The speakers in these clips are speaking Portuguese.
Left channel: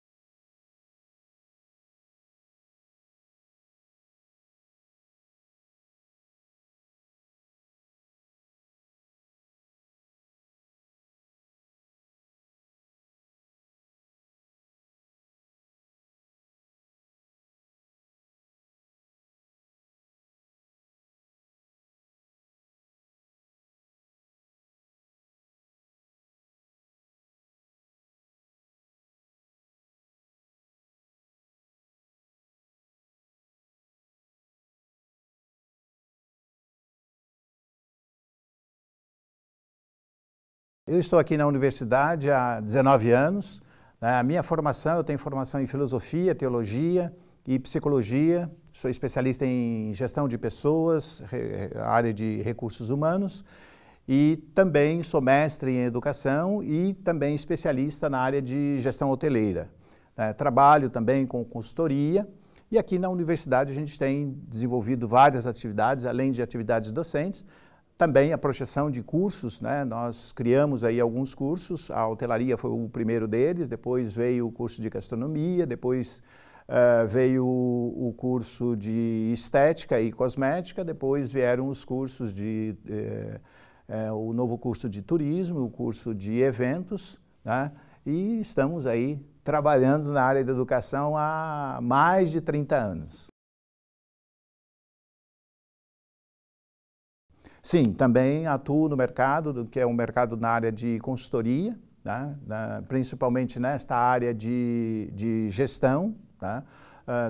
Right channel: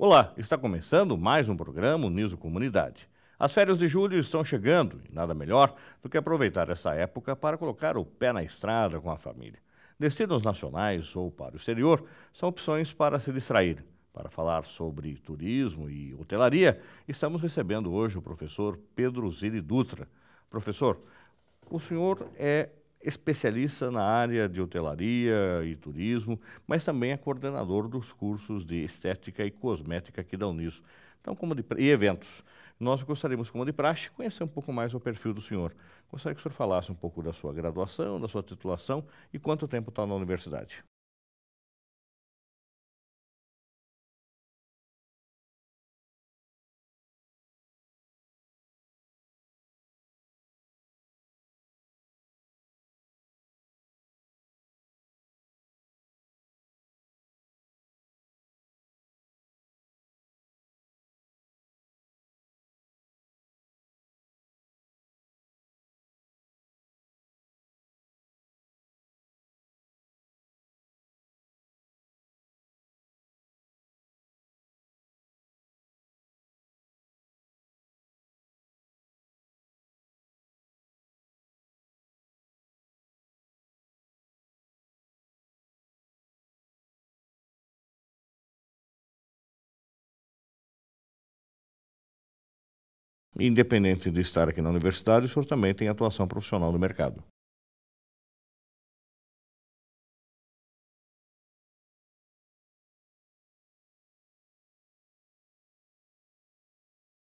Olá, está começando mais um programa Uniso Comunidade. As férias de julho estão chegando e nada melhor do que aproveitar essa época para colocar o pé na estrada com a família. Destinos nacionais ou para o exterior são opções para se distrair. Para falar sobre turismo e hotelaria, estamos recebendo hoje o professor Pedro Zilli Dutra. Professor, o senhor é especialista na área de hotelaria e turismo, mas também é coordenador dos cursos de estética e cosmética aqui da Uniso. Então, e eventos. Nós gostaríamos, como de praxe, conhecer um pouco mais o perfil do senhor. Gostaria que o senhor falasse um pouco da sua graduação, da sua titulação e quanto tempo está na universidade. Eu estou aqui na universidade há 19 anos. A minha formação, eu tenho formação em filosofia, teologia e psicologia. Sou especialista em gestão de pessoas, área de recursos humanos, e também sou mestre em educação e também especialista na área de gestão hoteleira. Trabalho também com consultoria e aqui na universidade a gente tem desenvolvido várias atividades, além de atividades docentes, também a projeção de cursos, né? Nós criamos aí alguns cursos, a hotelaria foi o primeiro deles, depois veio o curso de gastronomia, depois veio o curso de estética e cosmética, depois vieram os cursos o novo curso de turismo, o curso de eventos, né? E estamos aí trabalhando na área da educação há mais de 30 anos. Independente de estar aqui na universidade, o senhor também tem atuação profissional no mercado. Sim, também atuo no mercado, que é um mercado na área de consultoria, né? Principalmente nesta área de gestão, tá?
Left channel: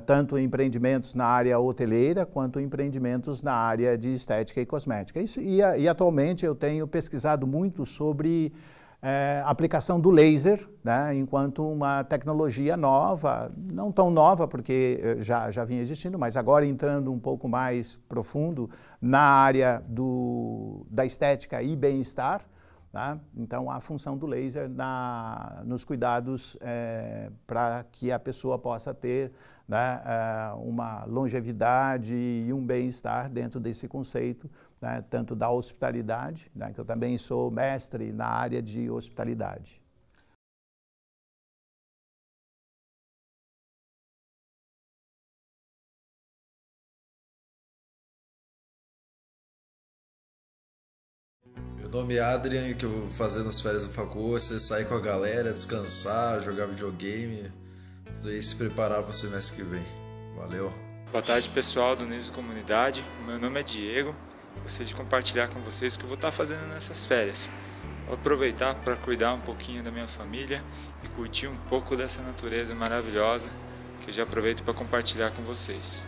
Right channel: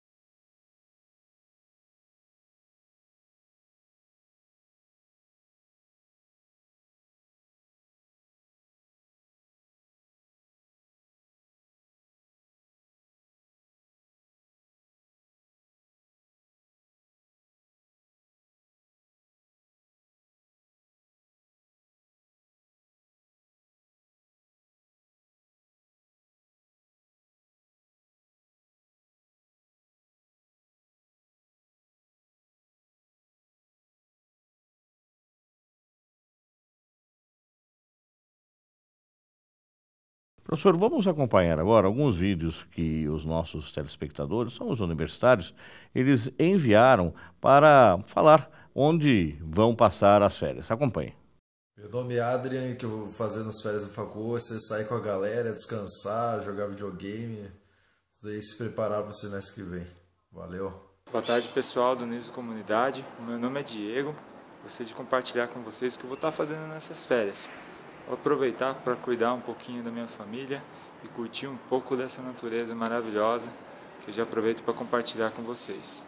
Tanto empreendimentos na área hoteleira quanto empreendimentos na área de estética e cosmética. E atualmente eu tenho pesquisado muito sobre aplicação do laser, né, enquanto uma tecnologia nova, não tão nova porque já vinha existindo, mas agora entrando um pouco mais profundo na área da estética e bem-estar. Tá? Então, a função do laser nos cuidados para que a pessoa possa ter, né, uma longevidade e um bem-estar dentro desse conceito, né, tanto da hospitalidade, né, que eu também sou mestre na área de hospitalidade. Professor, vamos acompanhar agora alguns vídeos que os nossos telespectadores, são os universitários, eles enviaram para falar onde vão passar as férias. Acompanhe. Meu nome é Adrian e o que eu vou fazer nas férias da facul é sair com a galera, descansar, jogar videogame, tudo aí, se preparar para o semestre que vem. Valeu! Boa tarde, pessoal do Uniso Comunidade. O meu nome é Diego. Gostaria de compartilhar com vocês o que eu vou estar fazendo nessas férias. Vou aproveitar para cuidar um pouquinho da minha família e curtir um pouco dessa natureza maravilhosa que eu já aproveito para compartilhar com vocês.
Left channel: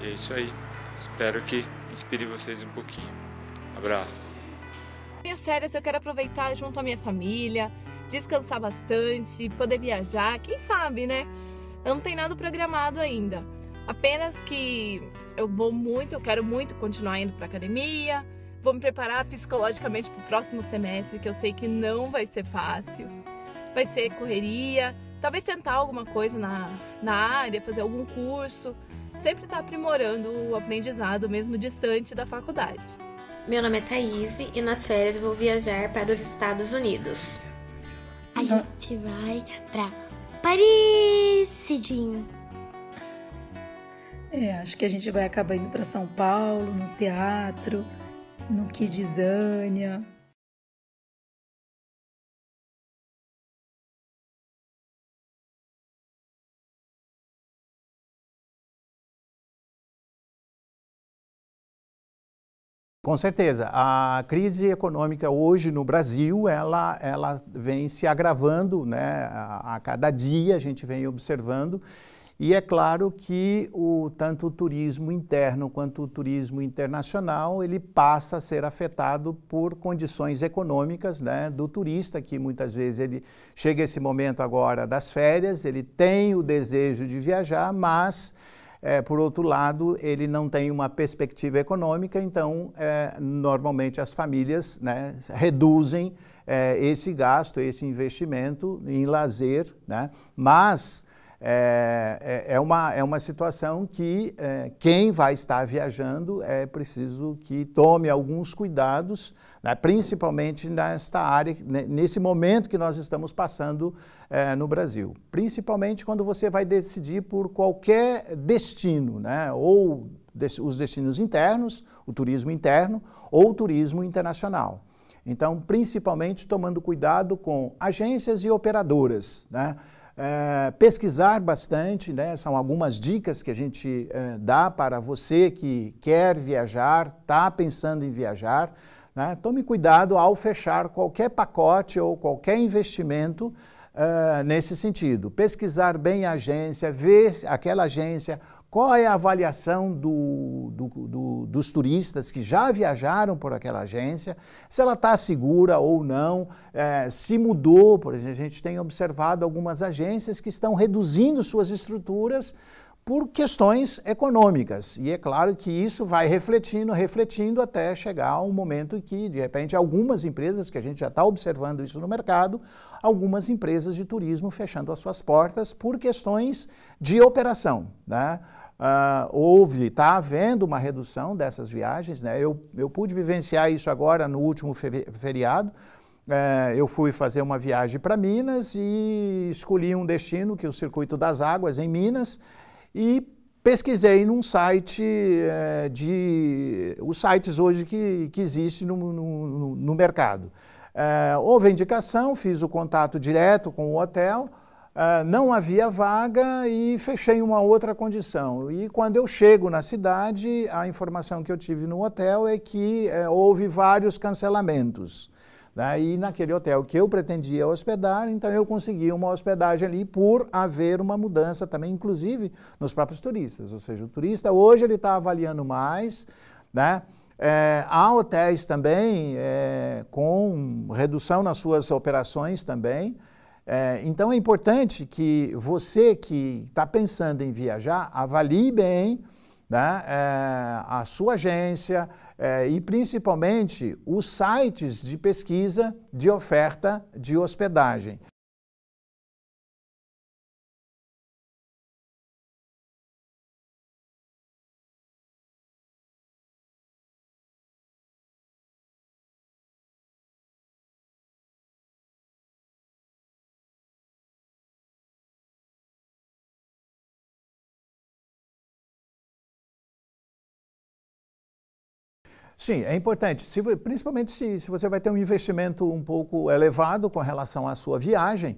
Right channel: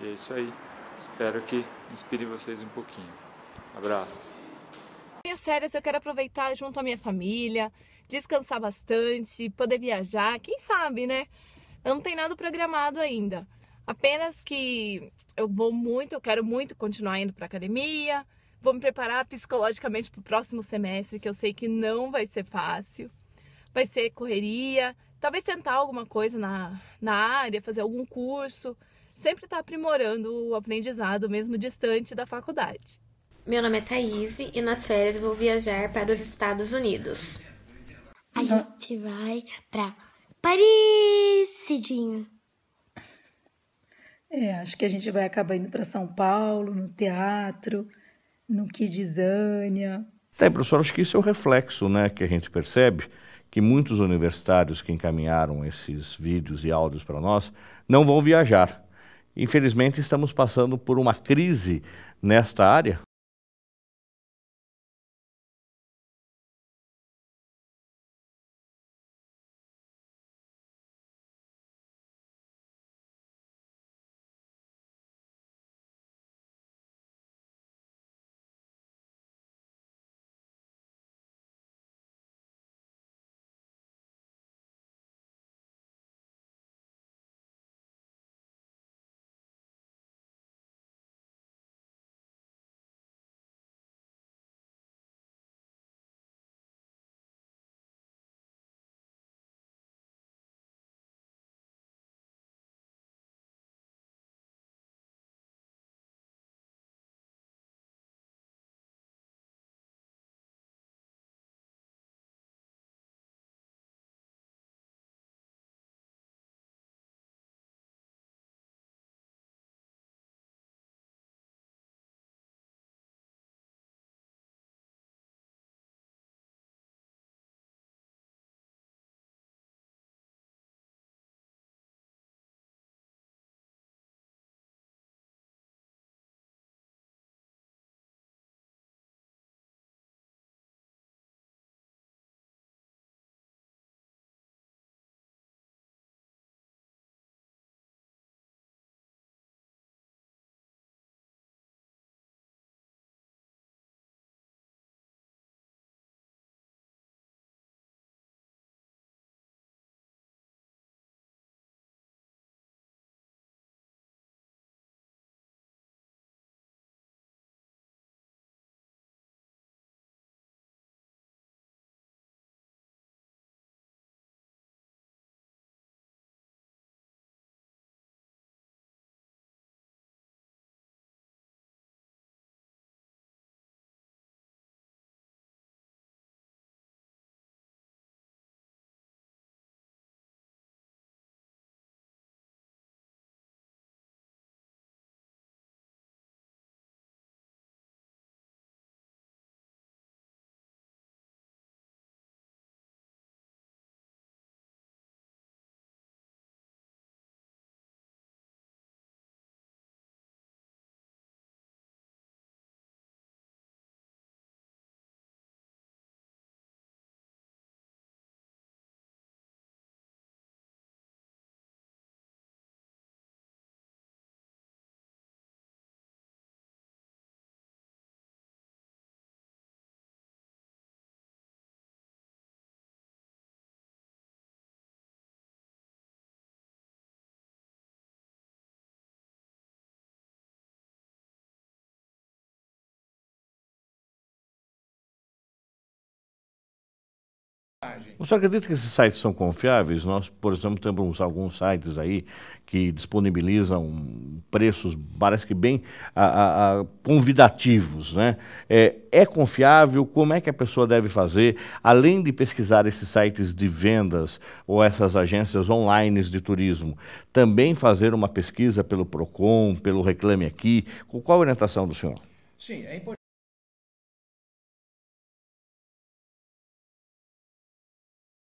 E é isso aí. Espero que inspire vocês um pouquinho. Abraços. Minhas férias eu quero aproveitar junto à minha família, descansar bastante, poder viajar, quem sabe, né? Eu não tenho nada programado ainda. Apenas que eu quero muito continuar indo para academia, vou me preparar psicologicamente para o próximo semestre, que eu sei que não vai ser fácil. Vai ser correria, talvez tentar alguma coisa na área, fazer algum curso. Sempre está aprimorando o aprendizado, mesmo distante da faculdade. Meu nome é Thaís e nas férias eu vou viajar para os Estados Unidos. A gente vai para Paris, Cidinho. Acho que a gente vai acabar indo para São Paulo, no teatro, no Kidzania. Professor, acho que isso é o reflexo, né, que a gente percebe, que muitos universitários que encaminharam esses vídeos e áudios para nós não vão viajar. Infelizmente, estamos passando por uma crise nesta área? Com certeza. A crise econômica hoje no Brasil, ela vem se agravando, né? A cada dia a gente vem observando. E é claro que tanto o turismo interno quanto o turismo internacional, ele passa a ser afetado por condições econômicas, né, do turista, que muitas vezes ele chega esse momento agora das férias, ele tem o desejo de viajar, mas por outro lado, ele não tem uma perspectiva econômica, então normalmente as famílias, né, reduzem esse gasto, esse investimento em lazer, né, mas é uma situação que quem vai estar viajando é preciso que tome alguns cuidados, né, principalmente nesta área, nesse momento que nós estamos passando no Brasil. Principalmente quando você vai decidir por qualquer destino, né, ou os destinos internos, o turismo interno ou o turismo internacional. Então, principalmente tomando cuidado com agências e operadoras, né? Pesquisar bastante, né? São algumas dicas que a gente dá para você que quer viajar, está pensando em viajar, né? Tome cuidado ao fechar qualquer pacote ou qualquer investimento nesse sentido. Pesquisar bem a agência, ver aquela agência, qual é a avaliação dos turistas que já viajaram por aquela agência, se ela está segura ou não, se mudou. Por exemplo, a gente tem observado algumas agências que estão reduzindo suas estruturas por questões econômicas. E é claro que isso vai refletindo até chegar um momento em que, de repente, algumas empresas, que a gente já está observando isso no mercado, algumas empresas de turismo fechando as suas portas por questões de operação, né? Está havendo uma redução dessas viagens, né? Eu pude vivenciar isso agora no último feriado. Eu fui fazer uma viagem para Minas e escolhi um destino, que é o Circuito das Águas, em Minas, e pesquisei num site, os sites hoje que existem no mercado. Houve a indicação, fiz o contato direto com o hotel, não havia vaga e fechei uma outra condição. E quando eu chego na cidade, a informação que eu tive no hotel é que houve vários cancelamentos. E naquele hotel que eu pretendia hospedar, então eu consegui uma hospedagem ali por haver uma mudança também, inclusive nos próprios turistas. Ou seja, o turista hoje ele está avaliando mais, né? Há hotéis também com redução nas suas operações também. Então é importante que você que está pensando em viajar, avalie bem, né, a sua agência e principalmente os sites de pesquisa de oferta de hospedagem. Você acredita que esses sites são confiáveis? Nós, por exemplo, temos alguns sites aí que disponibilizam preços, parece que bem convidativos, né? É confiável? Como é que a pessoa deve fazer, além de pesquisar esses sites de vendas ou essas agências online de turismo, também fazer uma pesquisa pelo Procon, pelo Reclame Aqui? Qual a orientação do senhor? Sim, é importante, principalmente se você vai ter um investimento um pouco elevado com relação à sua viagem.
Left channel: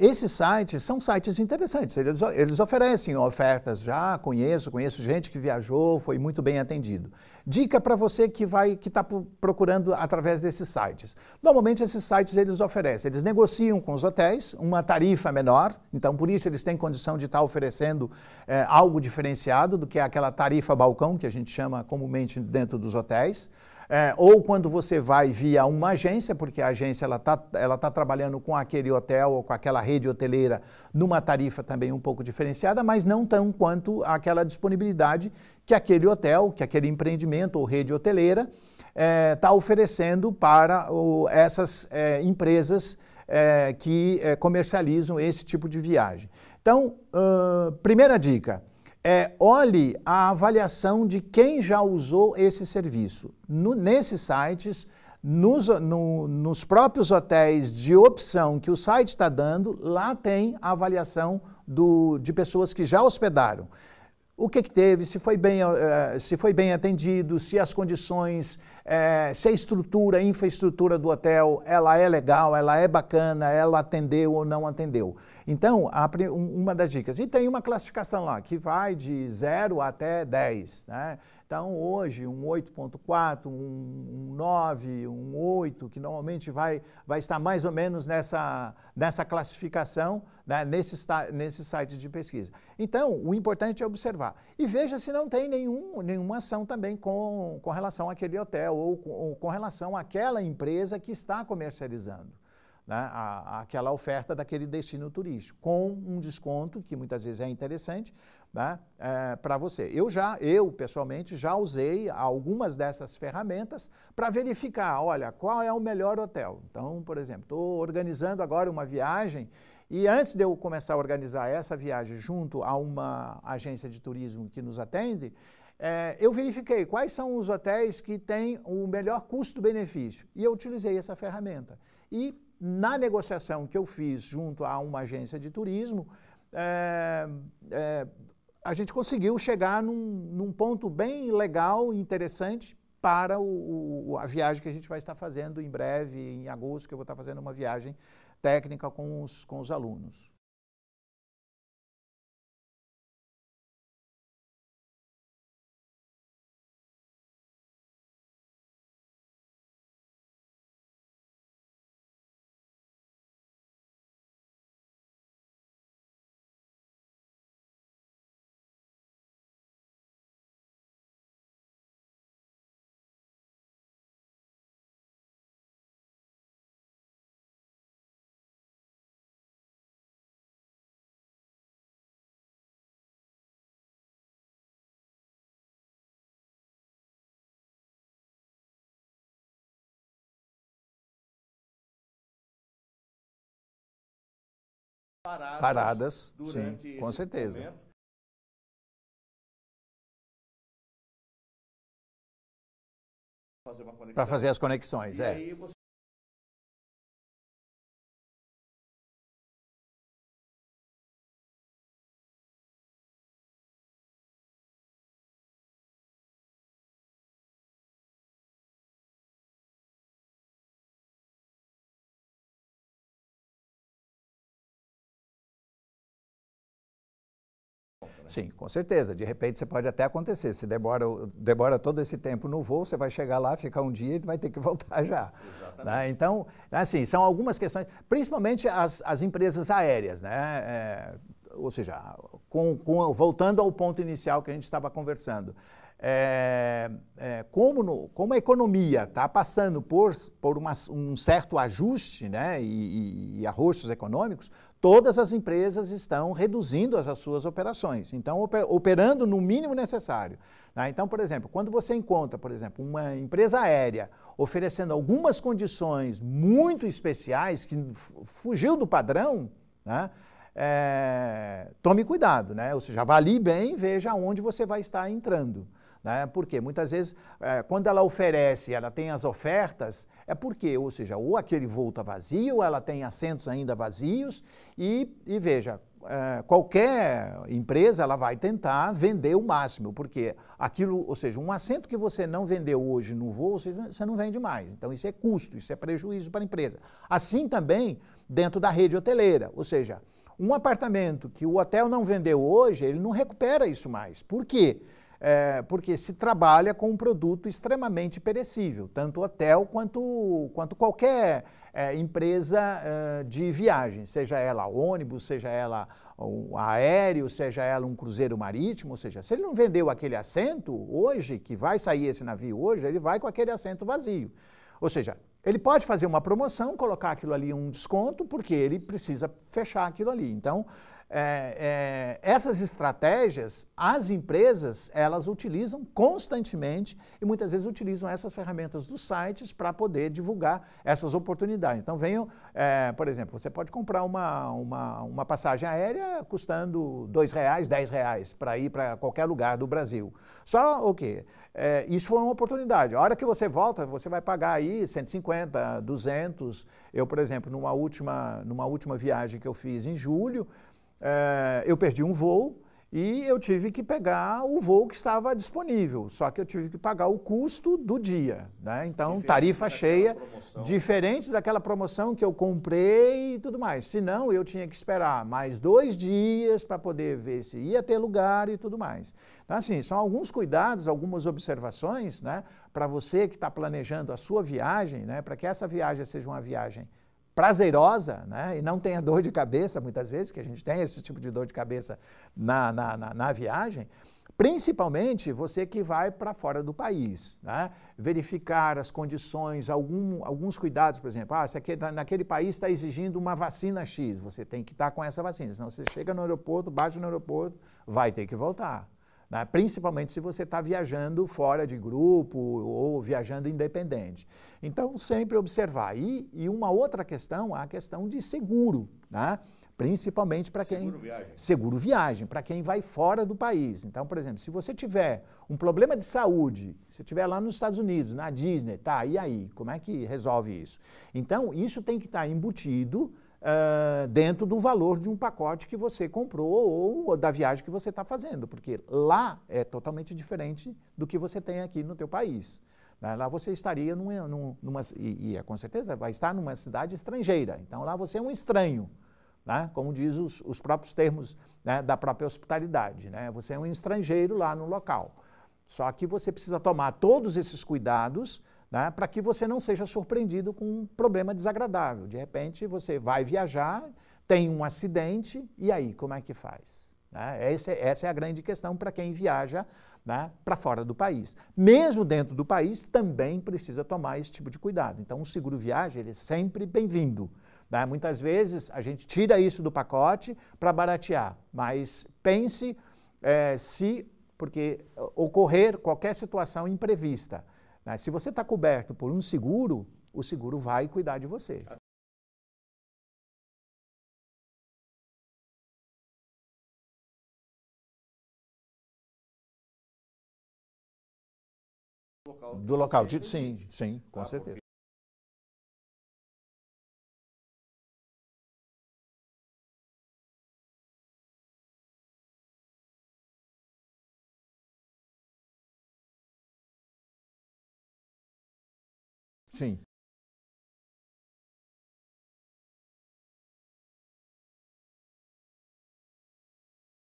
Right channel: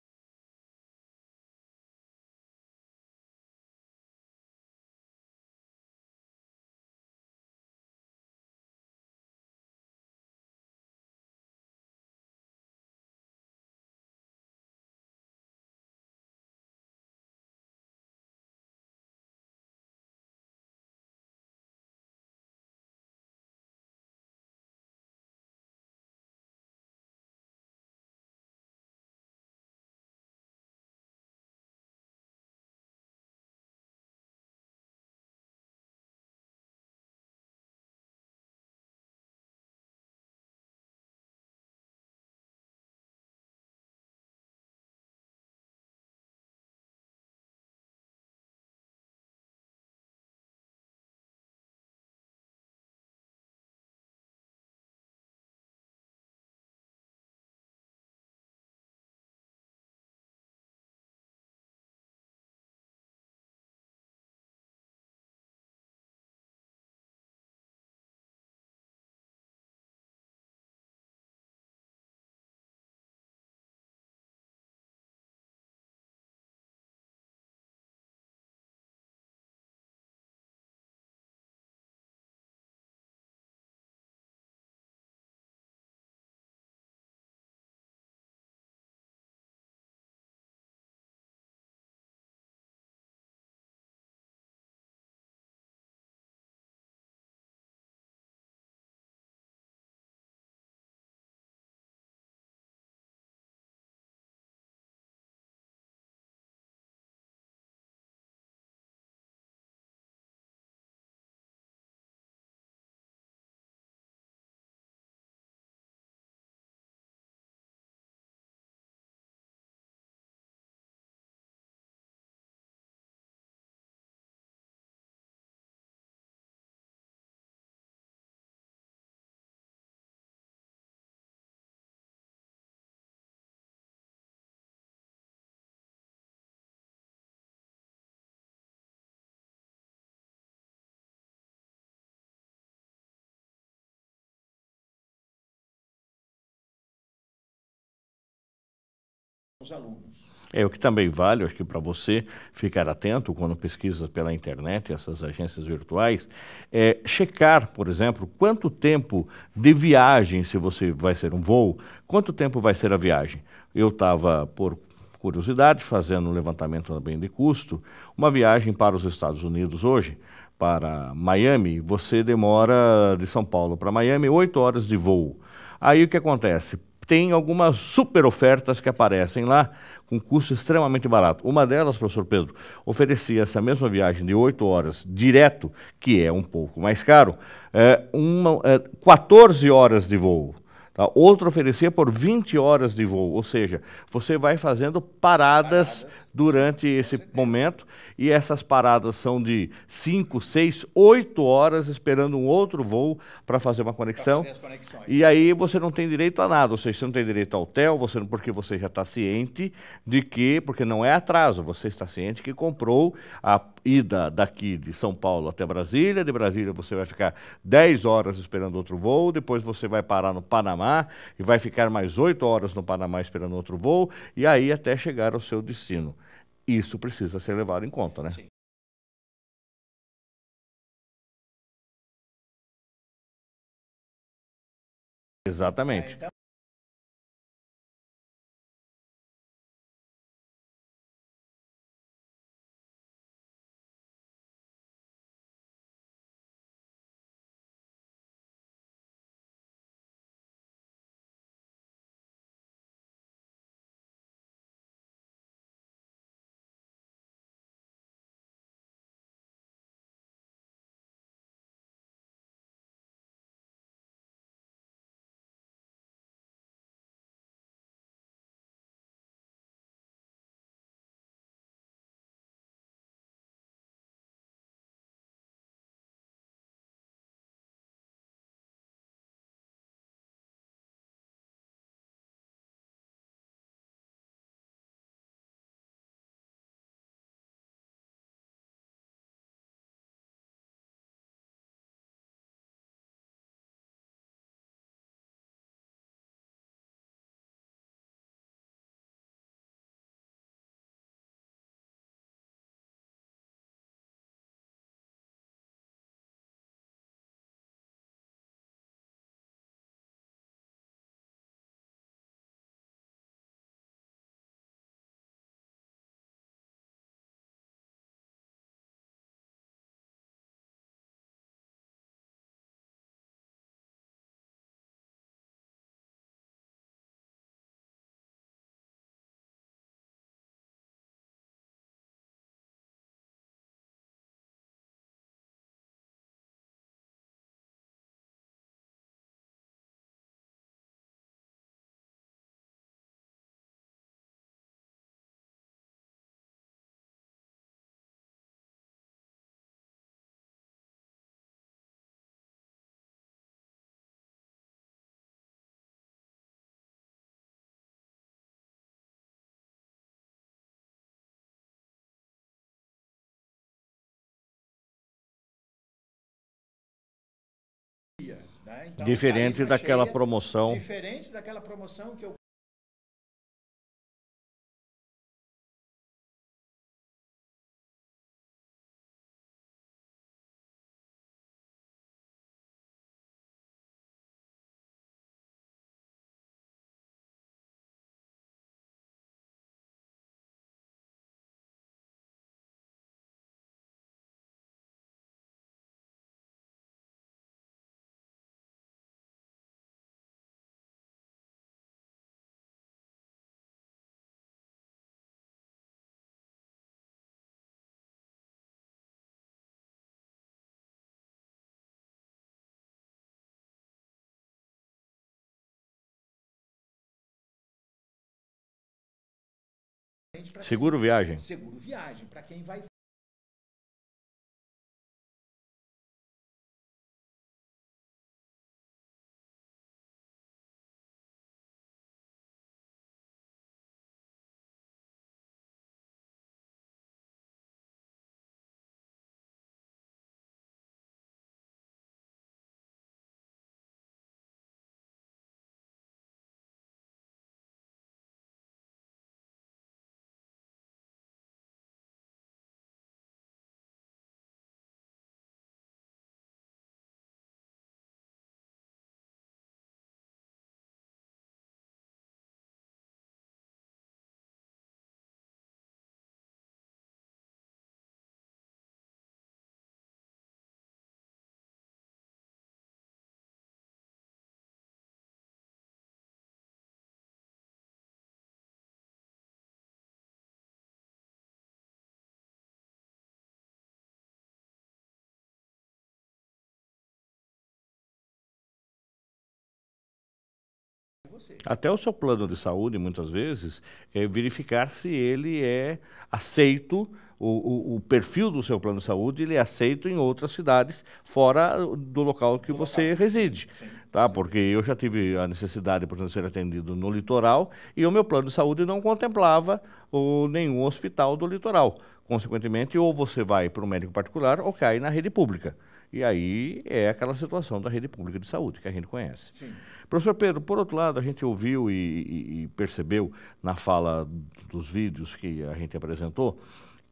Esses sites são sites interessantes, eles oferecem ofertas, já conheço gente que viajou, foi muito bem atendido. Dica para você que está procurando através desses sites. Normalmente esses sites eles negociam com os hotéis uma tarifa menor, então por isso eles têm condição de estar oferecendo algo diferenciado do que aquela tarifa balcão, que a gente chama comumente dentro dos hotéis. Ou quando você vai via uma agência, porque a agência ela tá trabalhando com aquele hotel ou com aquela rede hoteleira numa tarifa também um pouco diferenciada, mas não tão quanto aquela disponibilidade que aquele hotel, que aquele empreendimento ou rede hoteleira está oferecendo para essas empresas que comercializam esse tipo de viagem. Então, primeira dica. Olhe a avaliação de quem já usou esse serviço. Nesses sites, nos próprios hotéis de opção que o site está dando, lá tem a avaliação de pessoas que já hospedaram. O que teve, se foi bem atendido, se as condições, se a a infraestrutura do hotel, ela é legal, ela é bacana, ela atendeu ou não atendeu. Então, uma das dicas. E tem uma classificação lá, que vai de 0 até 10, né? Então, hoje, um 8.4, um 9, um 8, que normalmente vai estar mais ou menos nessa classificação, né, nesses sites de pesquisa. Então, o importante é observar. E veja se não tem nenhuma ação também com relação àquele hotel ou com relação àquela empresa que está comercializando, né, aquela oferta daquele destino turístico, com um desconto, que muitas vezes é interessante, né, para você. Eu, pessoalmente, já usei algumas dessas ferramentas para verificar, olha, qual é o melhor hotel. Então, por exemplo, estou organizando agora uma viagem E antes de eu começar a organizar essa viagem junto a uma agência de turismo que nos atende, eu verifiquei quais são os hotéis que têm o melhor custo-benefício. E eu utilizei essa ferramenta. E na negociação que eu fiz junto a uma agência de turismo, a gente conseguiu chegar num ponto bem legal e interessante para a viagem que a gente vai estar fazendo em breve, em agosto, que eu vou estar fazendo uma viagem técnica com os alunos. O que também vale, acho que para você ficar atento quando pesquisa pela internet, essas agências virtuais, é checar, por exemplo, quanto tempo de viagem, se você vai ser um voo, quanto tempo vai ser a viagem. Eu estava, por curiosidade, fazendo um levantamento também de custo, uma viagem para os Estados Unidos hoje, para Miami, você demora de São Paulo para Miami 8 horas de voo. Aí o que acontece? Tem algumas super ofertas que aparecem lá com custo extremamente barato. Uma delas, professor Pedro, oferecia essa mesma viagem de 8 horas direto, que é um pouco mais caro, 14 horas de voo. Tá? Outra oferecia por 20 horas de voo, ou seja, você vai fazendo paradas durante esse momento, e essas paradas são de 5, 6, 8 horas esperando um outro voo para fazer uma conexão. Para fazer as conexões. E aí você não tem direito a nada, ou seja, você não tem direito ao hotel, porque você já está ciente de que, porque não é atraso, você está ciente que comprou a ida daqui de São Paulo até Brasília, de Brasília você vai ficar 10 horas esperando outro voo, depois você vai parar no Panamá e vai ficar mais 8 horas no Panamá esperando outro voo, e aí até chegar ao seu destino. Isso precisa ser levado em conta, né? Sim, com certeza. De repente, você pode até acontecer. Se demora todo esse tempo no voo, você vai chegar lá, ficar um dia e vai ter que voltar já. Exatamente. Então, assim, são algumas questões, principalmente as empresas aéreas, né? Ou seja, voltando ao ponto inicial que a gente estava conversando, como a economia está passando por um certo ajuste, né, e arroxos econômicos, todas as empresas estão reduzindo as suas operações, então operando no mínimo necessário. Tá? Então, por exemplo, quando você encontra, por exemplo, uma empresa aérea oferecendo algumas condições muito especiais, que fugiu do padrão, né, tome cuidado, né? Ou seja, avalie bem, veja onde você vai estar entrando. Né? Porque muitas vezes, quando ela oferece, ela tem as ofertas, é porque, ou seja, ou aquele voo está vazio, ou ela tem assentos ainda vazios, e veja, qualquer empresa ela vai tentar vender o máximo, porque aquilo, ou seja, um assento que você não vendeu hoje no voo, você não vende mais. Então isso é custo, isso é prejuízo para a empresa. Assim também dentro da rede hoteleira, ou seja, um apartamento que o hotel não vendeu hoje, ele não recupera isso mais. Por quê? Porque se trabalha com um produto extremamente perecível, tanto hotel quanto qualquer empresa de viagem, seja ela ônibus, seja ela aéreo, seja ela um cruzeiro marítimo, ou seja, se ele não vendeu aquele assento hoje, que vai sair esse navio hoje, ele vai com aquele assento vazio. Ou seja, ele pode fazer uma promoção, colocar aquilo ali um desconto, porque ele precisa fechar aquilo ali. Então, essas estratégias, as empresas, elas utilizam constantemente e muitas vezes utilizam essas ferramentas dos sites para poder divulgar essas oportunidades. Então, por exemplo, você pode comprar uma passagem aérea custando R$2, R$10 para ir para qualquer lugar do Brasil. Só o quê? Isso foi uma oportunidade. A hora que você volta, você vai pagar aí 150, 200. Eu, por exemplo, numa última viagem que eu fiz em julho, eu perdi um voo e eu tive que pegar o voo que estava disponível, só que eu tive que pagar o custo do dia. Né? Então, diferente daquela cheia, promoção. Diferente daquela promoção que eu comprei e tudo mais. Senão, eu tinha que esperar mais 2 dias para poder ver se ia ter lugar e tudo mais. Então, assim, são alguns cuidados, algumas observações, né, para você que está planejando a sua viagem, né, para que essa viagem seja uma viagem prazerosa, né, e não tenha dor de cabeça, muitas vezes, que a gente tem esse tipo de dor de cabeça na viagem, principalmente você que vai para fora do país, né, verificar as condições, alguns cuidados, por exemplo, se naquele país está exigindo uma vacina X, você tem que estar com essa vacina, senão você chega no aeroporto, bate no aeroporto, vai ter que voltar. Né? Principalmente se você está viajando fora de grupo ou viajando independente. Então, sempre observar. E uma outra questão, a questão de seguro, né? principalmente para quem... Seguro viagem. Seguro viagem, para quem vai fora do país. Então, por exemplo, se você tiver um problema de saúde, se estiver lá nos Estados Unidos, na Disney, tá, e aí? Como é que resolve isso? Então, isso tem que estar embutido dentro do valor de um pacote que você comprou ou da viagem que você está fazendo, porque lá é totalmente diferente do que você tem aqui no teu país. Lá você estaria com certeza vai estar numa cidade estrangeira, então lá você é um estranho, né? Como diz os próprios termos, né, da própria hospitalidade, né? Você é um estrangeiro lá no local. Só que você precisa tomar todos esses cuidados, né, para que você não seja surpreendido com um problema desagradável. De repente você vai viajar, tem um acidente, e aí como é que faz? Né? Essa é a grande questão para quem viaja, né, para fora do país. Mesmo dentro do país, também precisa tomar esse tipo de cuidado. Então, o seguro viagem ele é sempre bem-vindo. Né? Muitas vezes, a gente tira isso do pacote para baratear, mas pense porque ocorrer qualquer situação imprevista. Né? Se você está coberto por um seguro, o seguro vai cuidar de você. Até o seu plano de saúde, muitas vezes, é verificar se ele é aceito, o perfil do seu plano de saúde, ele é aceito em outras cidades, fora do local que você reside. Sim, tá? Porque eu já tive a necessidade, por exemplo, de ser atendido no litoral, e o meu plano de saúde não contemplava nenhum hospital do litoral. Consequentemente, ou você vai para um médico particular, ou cai na rede pública. E aí é aquela situação da rede pública de saúde que a gente conhece. Sim. Professor Pedro, por outro lado, a gente ouviu e percebeu na fala dos vídeos que a gente apresentou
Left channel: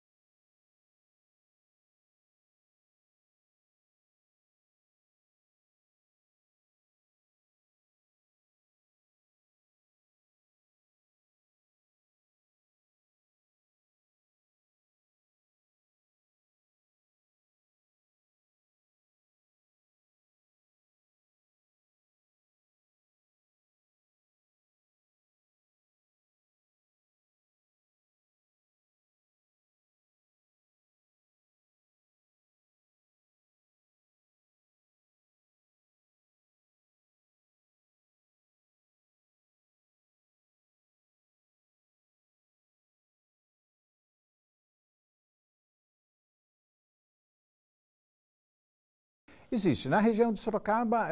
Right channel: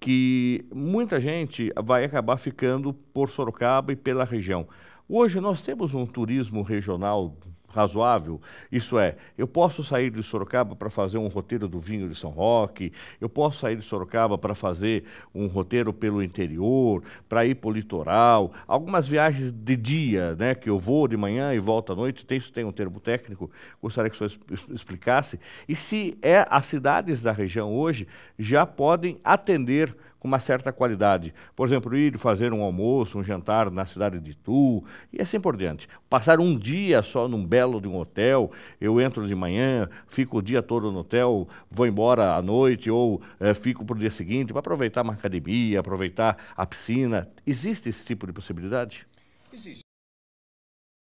que muita gente vai acabar ficando por Sorocaba e pela região. Hoje nós temos um turismo regional razoável, isso é, eu posso sair de Sorocaba para fazer um roteiro do vinho de São Roque, eu posso sair de Sorocaba para fazer um roteiro pelo interior, para ir para o litoral, algumas viagens de dia, né, que eu vou de manhã e volto à noite, isso tem um termo técnico, gostaria que o senhor explicasse, e se as cidades da região hoje já podem atender com uma certa qualidade. Por exemplo, ir fazer um almoço, um jantar na cidade de Itu, e assim por diante. Passar um dia só num belo de um hotel, eu entro de manhã, fico o dia todo no hotel, vou embora à noite, ou fico para o dia seguinte, para aproveitar uma academia, aproveitar a piscina. Existe esse tipo de possibilidade? Existe. Na região de Sorocaba,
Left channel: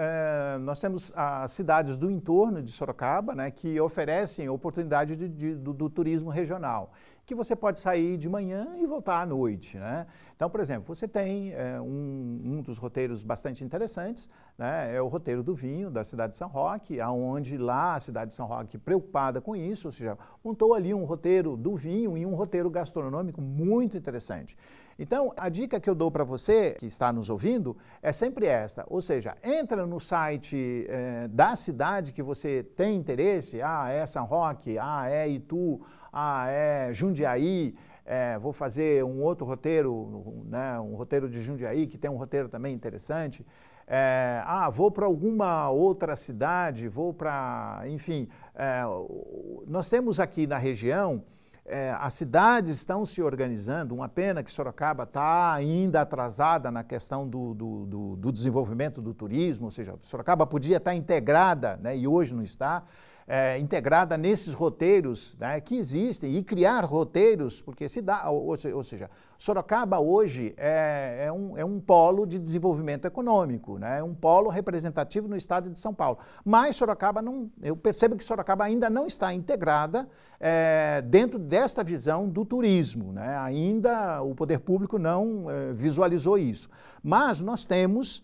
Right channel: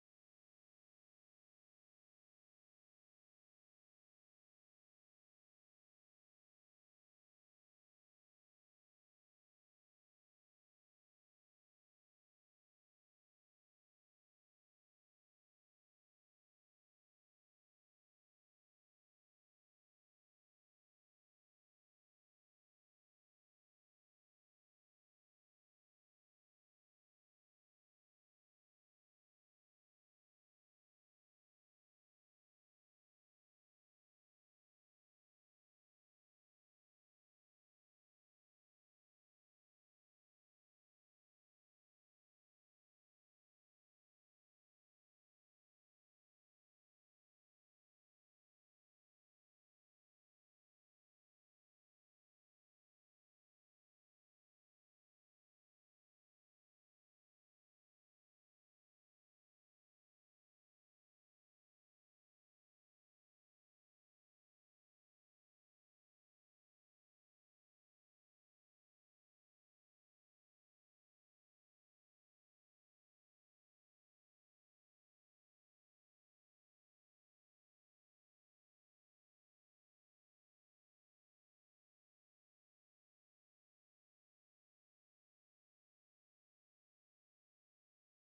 nós temos as cidades do entorno de Sorocaba, né, que oferecem oportunidade do turismo regional, que você pode sair de manhã e voltar à noite, né? Então, por exemplo, você tem um dos roteiros bastante interessantes, né, é o roteiro do vinho da cidade de São Roque, onde lá a cidade de São Roque, preocupada com isso, ou seja, montou ali um roteiro do vinho e um roteiro gastronômico muito interessante. Então, a dica que eu dou para você, que está nos ouvindo, é sempre essa, ou seja, entra no site da cidade que você tem interesse, é São Roque, é Itu, é Jundiaí, vou fazer um outro roteiro, né, um roteiro de Jundiaí, que tem um roteiro também interessante, vou para alguma outra cidade, vou para, enfim, nós temos aqui na região, as cidades estão se organizando, uma pena que Sorocaba está ainda atrasada na questão do desenvolvimento do turismo, ou seja, Sorocaba podia estar integrada, né, e hoje não está, integrada nesses roteiros, né, que existem, e criar roteiros, porque ou seja, Sorocaba hoje é um polo de desenvolvimento econômico, né, é um polo representativo no estado de São Paulo. Mas Sorocaba eu percebo que Sorocaba ainda não está integrada dentro desta visão do turismo, né, ainda o poder público não visualizou isso. Mas nós temos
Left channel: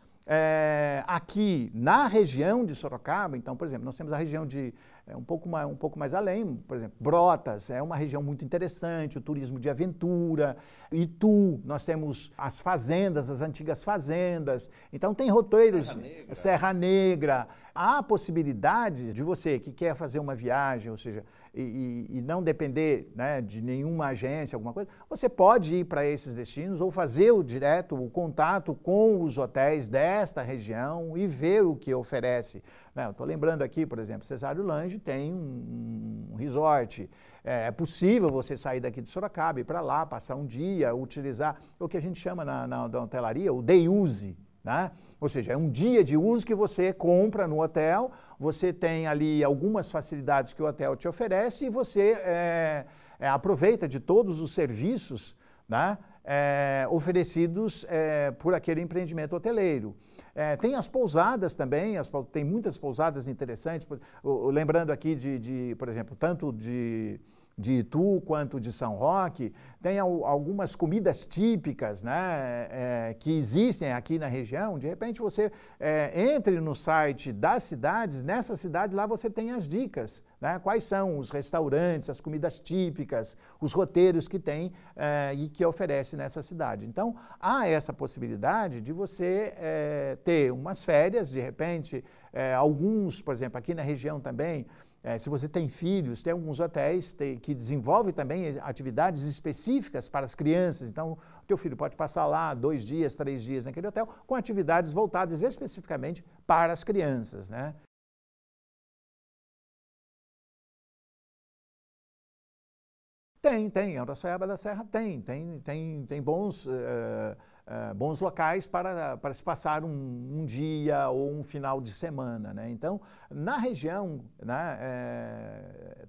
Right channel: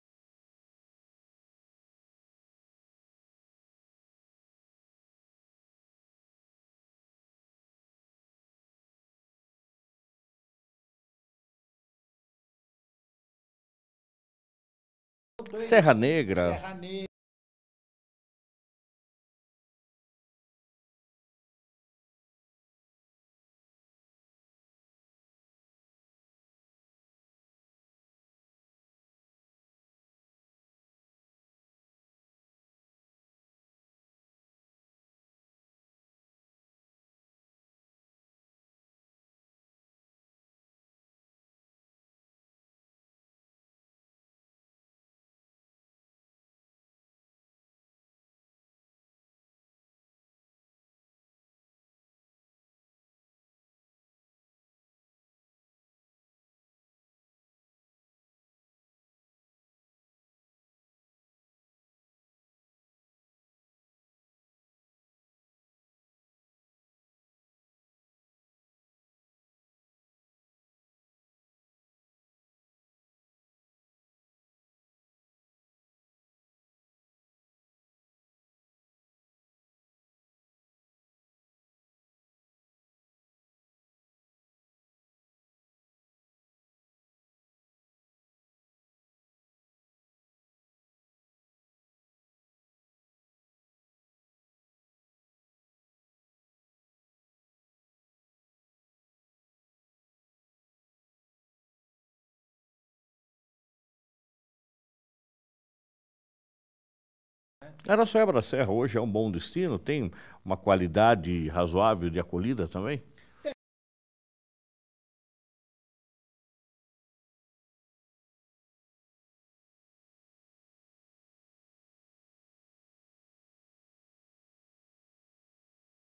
aqui na região de Sorocaba, então, por exemplo, nós temos a região de um pouco mais além, por exemplo, Brotas é uma região muito interessante, o turismo de aventura, Itu, nós temos as fazendas, as antigas fazendas, então tem roteiros... Serra Negra. Há possibilidade de você que quer fazer uma viagem, ou seja, e não depender, né, de nenhuma agência, alguma coisa, você pode ir para esses destinos ou fazer o contato com os hotéis desta região e ver o que oferece. Eu estou lembrando aqui, por exemplo, Cesário Lange tem um resort. É possível você sair daqui de Sorocaba, ir para lá, passar um dia, utilizar o que a gente chama na hotelaria o day use, né? Ou seja, é um dia de uso que você compra no hotel, você tem ali algumas facilidades que o hotel te oferece e você aproveita de todos os serviços, né, oferecidos por aquele empreendimento hoteleiro. Tem as pousadas também, tem muitas pousadas interessantes, lembrando aqui por exemplo, tanto de Itu quanto de São Roque, tem algumas comidas típicas, né, que existem aqui na região. De repente você entre no site das cidades, nessa cidade lá você tem as dicas, né, quais são os restaurantes, as comidas típicas, os roteiros que tem e que oferece nessa cidade. Então há essa possibilidade de você ter umas férias, de repente, alguns, por exemplo, aqui na região também, se você tem filhos, tem alguns hotéis que desenvolvem também atividades específicas para as crianças. Então, o teu filho pode passar lá 2 dias, 3 dias naquele hotel, com atividades voltadas especificamente para as crianças, né? Araçoiaba da Serra hoje é um bom destino? Tem uma qualidade razoável de acolhida também? Tem. Araçoiaba da Serra tem bons locais para se passar um dia ou um final de semana, né? Então, na região, né,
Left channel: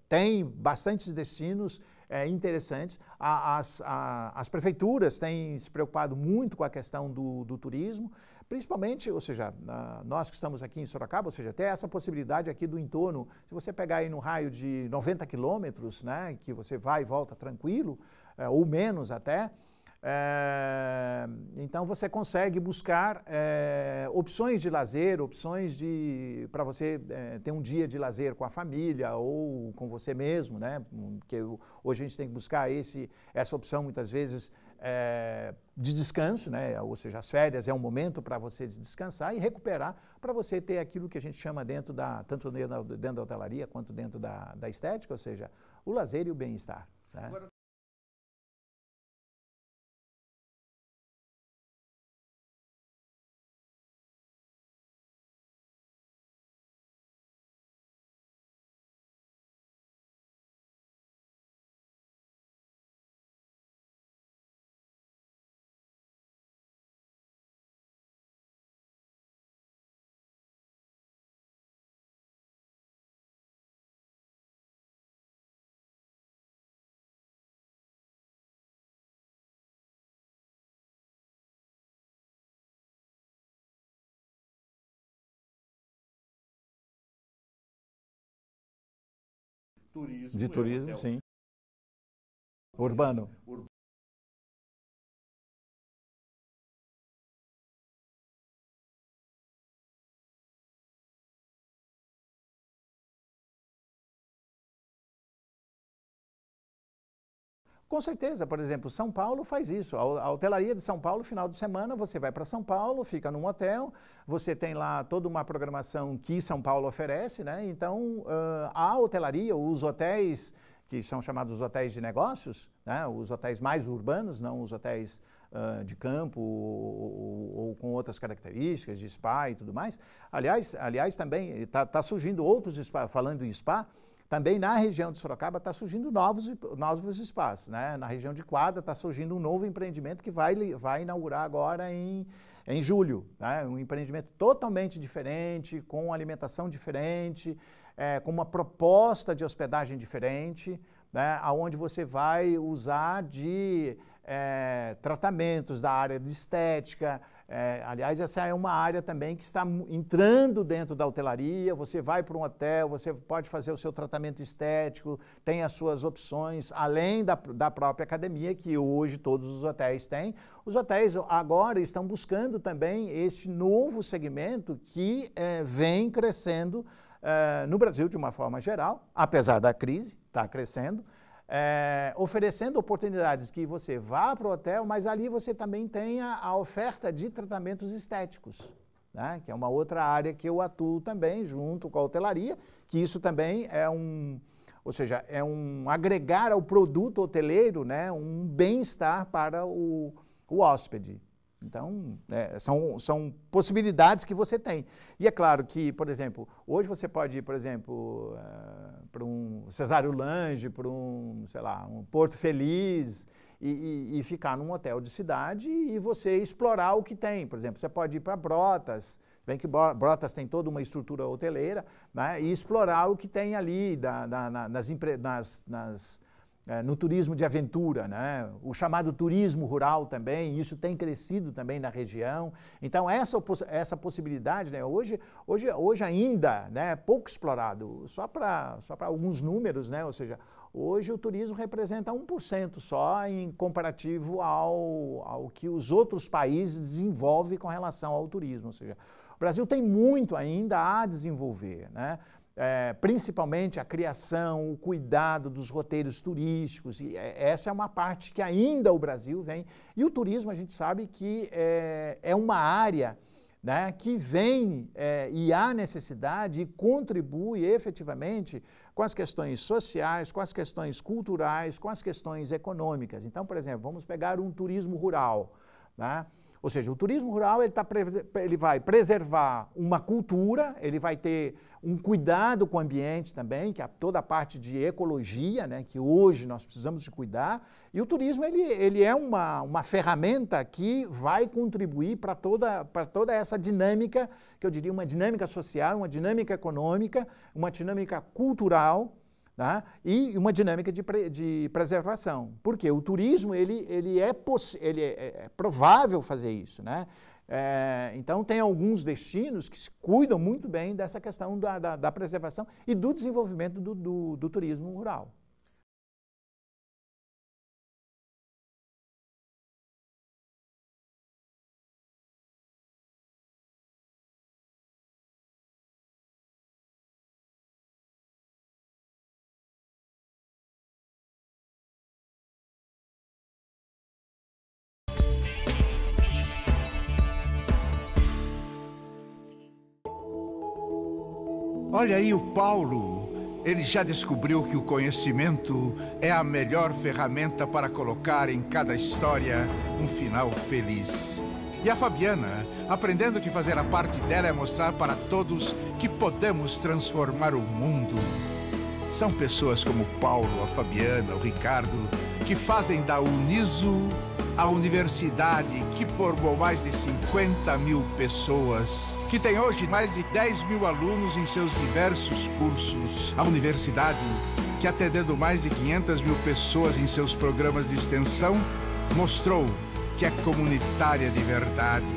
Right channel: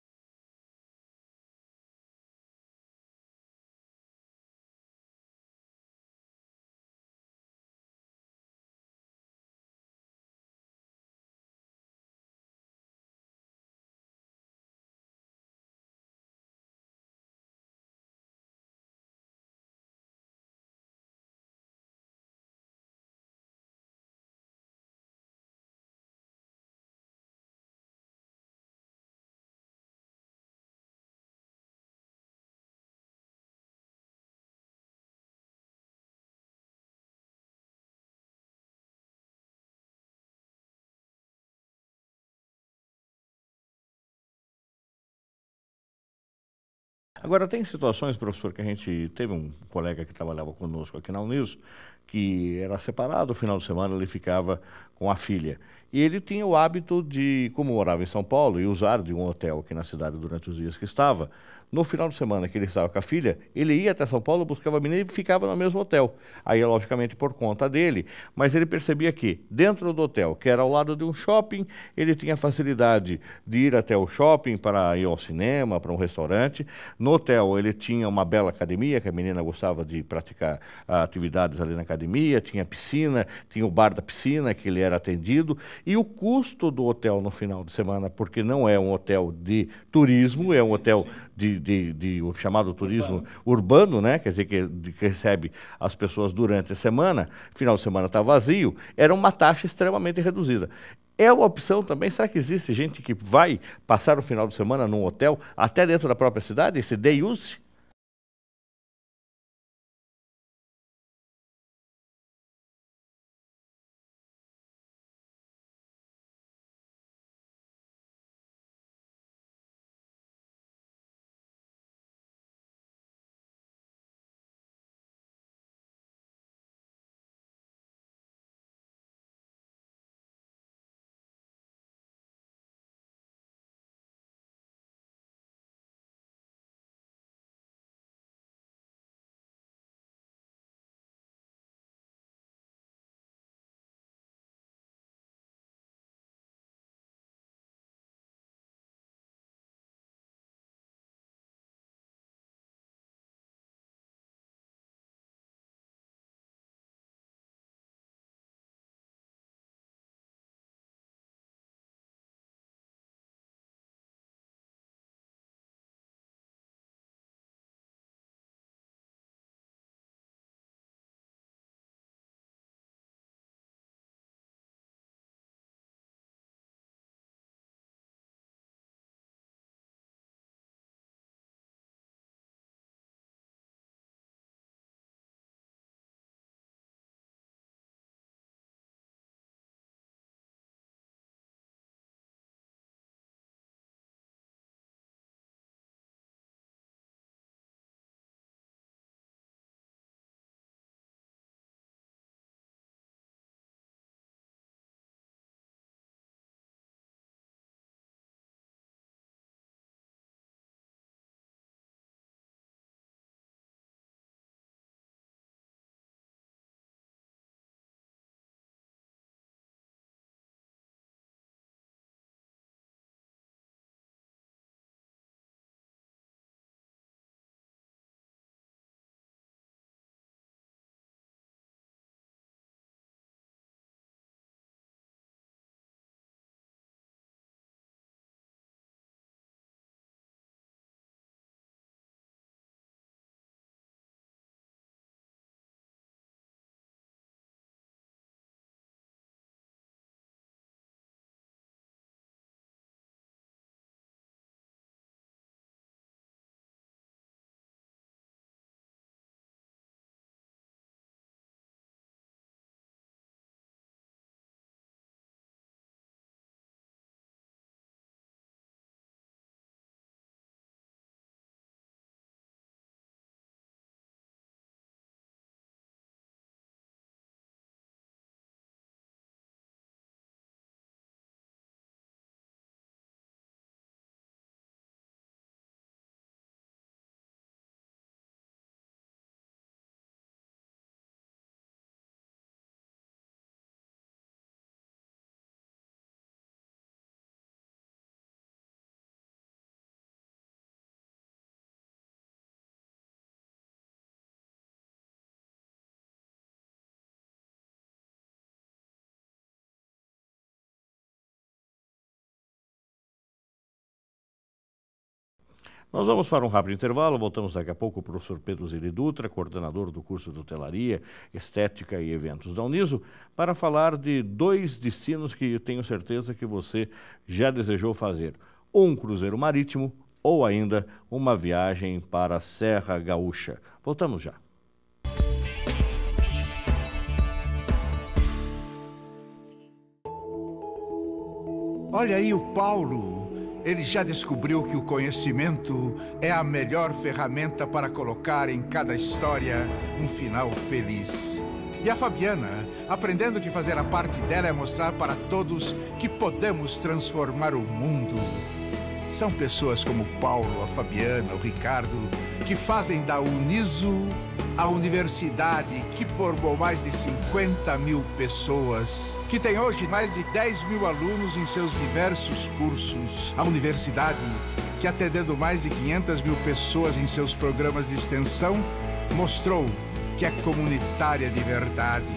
tem bastantes destinos interessantes. As prefeituras têm se preocupado muito com a questão do turismo, principalmente, ou seja, nós que estamos aqui em Sorocaba, ou seja, tem essa possibilidade aqui do entorno, se você pegar aí no raio de 90 quilômetros, né, que você vai e volta tranquilo, ou menos até, então você consegue buscar opções de lazer, opções para você ter um dia de lazer com a família ou com você mesmo, né? Porque hoje a gente tem que buscar essa opção muitas vezes de descanso, né? Ou seja, as férias é um momento para você descansar e recuperar, para você ter aquilo que a gente chama tanto dentro da hotelaria quanto dentro da estética, ou seja, o lazer e o bem-estar. Agora, tem situações, professor, que a gente teve um colega que trabalhava conosco aqui na Uniso, que era separado, no final de semana ele ficava com a filha. E ele tinha o hábito de, como morava em São Paulo, e usar de um hotel aqui na cidade durante os dias que estava, no final de semana que ele estava com a filha, ele ia até São Paulo, buscava a menina e ficava no mesmo hotel. Aí, logicamente, por conta dele, mas ele percebia que, dentro do hotel, que era ao lado de um shopping, ele tinha facilidade de ir até o shopping para ir ao cinema, para um restaurante. No hotel, ele tinha uma bela academia, que a menina gostava de praticar atividades ali na academia, tinha piscina, tinha o bar da piscina, que ele era atendido, e o custo do hotel no final de semana, porque não é um hotel de turismo, é um hotel o chamado turismo urbano, né? Quer dizer, que recebe as pessoas durante a semana, final de semana está vazio, era uma taxa extremamente reduzida. É uma opção também, será que existe gente que vai passar o final de semana num hotel, até dentro da própria cidade, esse day use? Com certeza, por exemplo, São Paulo faz isso. A hotelaria de São Paulo, final de semana, você vai para São Paulo, fica num hotel, você tem lá toda uma programação que São Paulo oferece, né? Então, a hotelaria, os hotéis que são chamados hotéis de negócios, né? Os hotéis mais urbanos, não os hotéis de campo ou com outras características, de spa e tudo mais. Aliás também está surgindo outros spas, falando em spa, também na região de Sorocaba está surgindo novos spas, né? Na região de Quadra está surgindo um novo empreendimento que vai inaugurar agora em julho, né? Um empreendimento totalmente diferente, com alimentação diferente, com uma proposta de hospedagem diferente, né? Onde você vai usar de tratamentos da área de estética. Aliás, essa é uma área também que está entrando dentro da hotelaria. Você vai para um hotel, você pode fazer o seu tratamento estético, tem as suas opções, além da própria academia, que hoje todos os hotéis têm. Os hotéis agora estão buscando também esse novo segmento que vem crescendo no Brasil de uma forma geral, apesar da crise, está crescendo. Oferecendo oportunidades que você vá para o hotel, mas ali você também tenha a oferta de tratamentos estéticos, né? Que é uma outra área que eu atuo também junto com a hotelaria, que isso também ou seja, é um agregar ao produto hoteleiro, né, um bem-estar para o hóspede. Então, são possibilidades que você tem. E é claro que, por exemplo, hoje você pode ir, por exemplo, para um Cesário Lange, para um Porto Feliz e ficar num hotel de cidade e você explorar o que tem. Por exemplo, você pode ir para Brotas, bem que Brotas tem toda uma estrutura hoteleira, né, e explorar o que tem ali no turismo de aventura, né? O chamado turismo rural também, isso tem crescido também na região. Então, essa possibilidade, né? Hoje ainda, né, pouco explorado, só para alguns números, né? Ou seja, hoje o turismo representa 1% só em comparativo ao que os outros países desenvolvem com relação ao turismo. Ou seja, o Brasil tem muito ainda a desenvolver, né? Principalmente a criação, o cuidado dos roteiros turísticos, e essa é uma parte que ainda o Brasil vem. E o turismo, a gente sabe que é uma área, né, que vem e há necessidade e contribui efetivamente com as questões sociais, com as questões culturais, com as questões econômicas. Então, por exemplo, vamos pegar um turismo rural, né? Ou seja, o turismo rural ele vai preservar uma cultura, ele vai ter um cuidado com o ambiente também, que é toda a parte de ecologia, né, que hoje nós precisamos de cuidar. E o turismo ele é uma ferramenta que vai contribuir para toda essa dinâmica, que eu diria uma dinâmica social, uma dinâmica econômica, uma dinâmica cultural, tá? E uma dinâmica de preservação. Porque o turismo ele é provável fazer isso, né? Então, tem alguns destinos que se cuidam muito bem dessa questão da preservação e do desenvolvimento do turismo rural. Nós vamos para um rápido intervalo, voltamos daqui a pouco com o professor Pedro Zilli Dutra, coordenador do curso de Hotelaria, Estética e Eventos da Uniso, para falar de 2 destinos que eu tenho certeza que você já desejou fazer. Um cruzeiro marítimo ou ainda uma viagem para a Serra Gaúcha. Voltamos já. Olha aí o Paulo. Ele já descobriu que o conhecimento é a melhor ferramenta para colocar em cada história um final feliz. E a Fabiana, aprendendo que fazer a parte dela é mostrar para todos que podemos transformar o mundo. São pessoas como o Paulo, a Fabiana, o Ricardo, que fazem da Uniso a universidade que formou mais de 50 mil pessoas, que tem hoje mais de 10 mil alunos em seus diversos cursos. A universidade, que atendendo mais de 500 mil pessoas em seus programas de extensão, mostrou que é comunitária de verdade.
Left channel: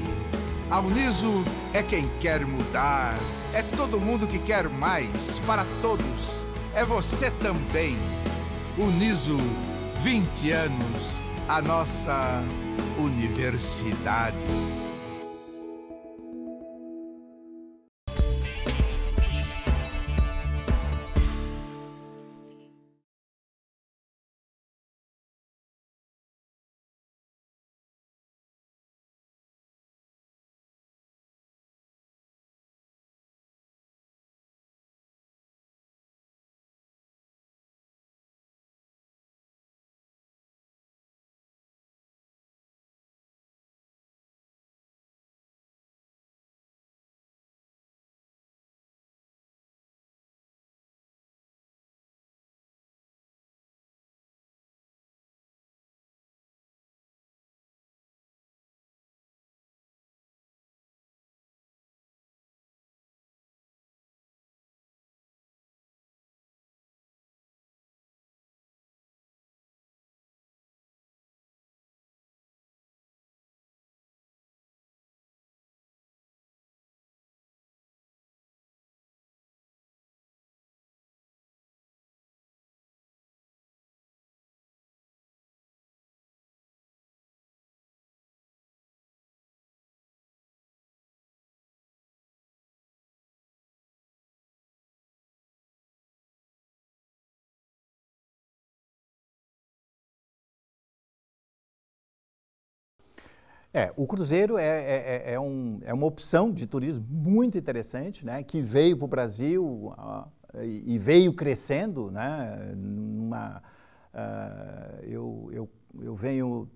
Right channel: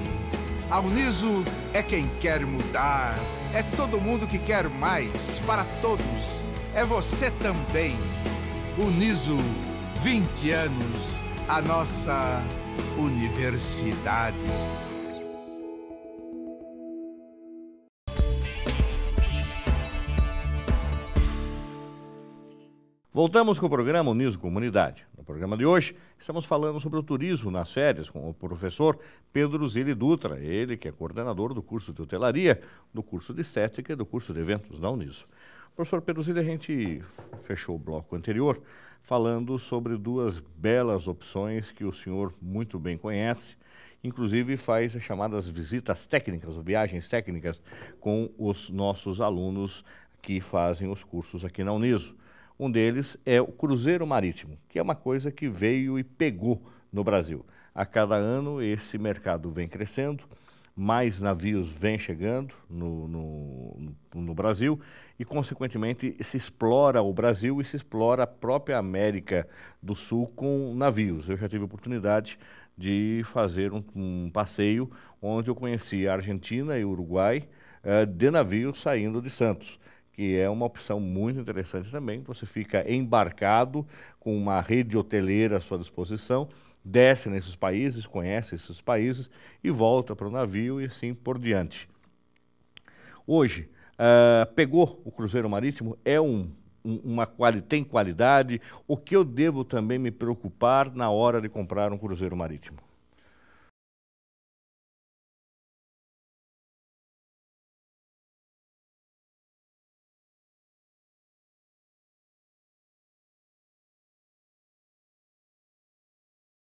A Uniso é quem quer mudar, é todo mundo que quer mais, para todos, é você também. Uniso, 20 anos. A nossa universidade. Voltamos com o programa Uniso Comunidade. No programa de hoje, estamos falando sobre o turismo nas férias com o professor Pedro Zilli Dutra, ele que é coordenador do curso de Hotelaria, do curso de Estética e do curso de Eventos da Uniso. Professor Pedro Zilli, a gente fechou o bloco anterior falando sobre 2 belas opções que o senhor muito bem conhece, inclusive faz as chamadas visitas técnicas, ou viagens técnicas, com os nossos alunos que fazem os cursos aqui na Uniso. Um deles é o cruzeiro marítimo, que é uma coisa que veio e pegou no Brasil. A cada ano esse mercado vem crescendo, mais navios vêm chegando no Brasil e, consequentemente, se explora o Brasil e se explora a própria América do Sul com navios. Eu já tive a oportunidade de fazer um passeio onde eu conheci a Argentina e o Uruguai de navios saindo de Santos, que é uma opção muito interessante também. Você fica embarcado com uma rede hoteleira à sua disposição, desce nesses países, conhece esses países e volta para o navio e assim por diante. Hoje, pegou o cruzeiro marítimo, tem qualidade. O que eu devo também me preocupar na hora de comprar um cruzeiro marítimo? O cruzeiro é uma opção de turismo muito interessante, né, que veio para o Brasil e veio crescendo, né, eu venho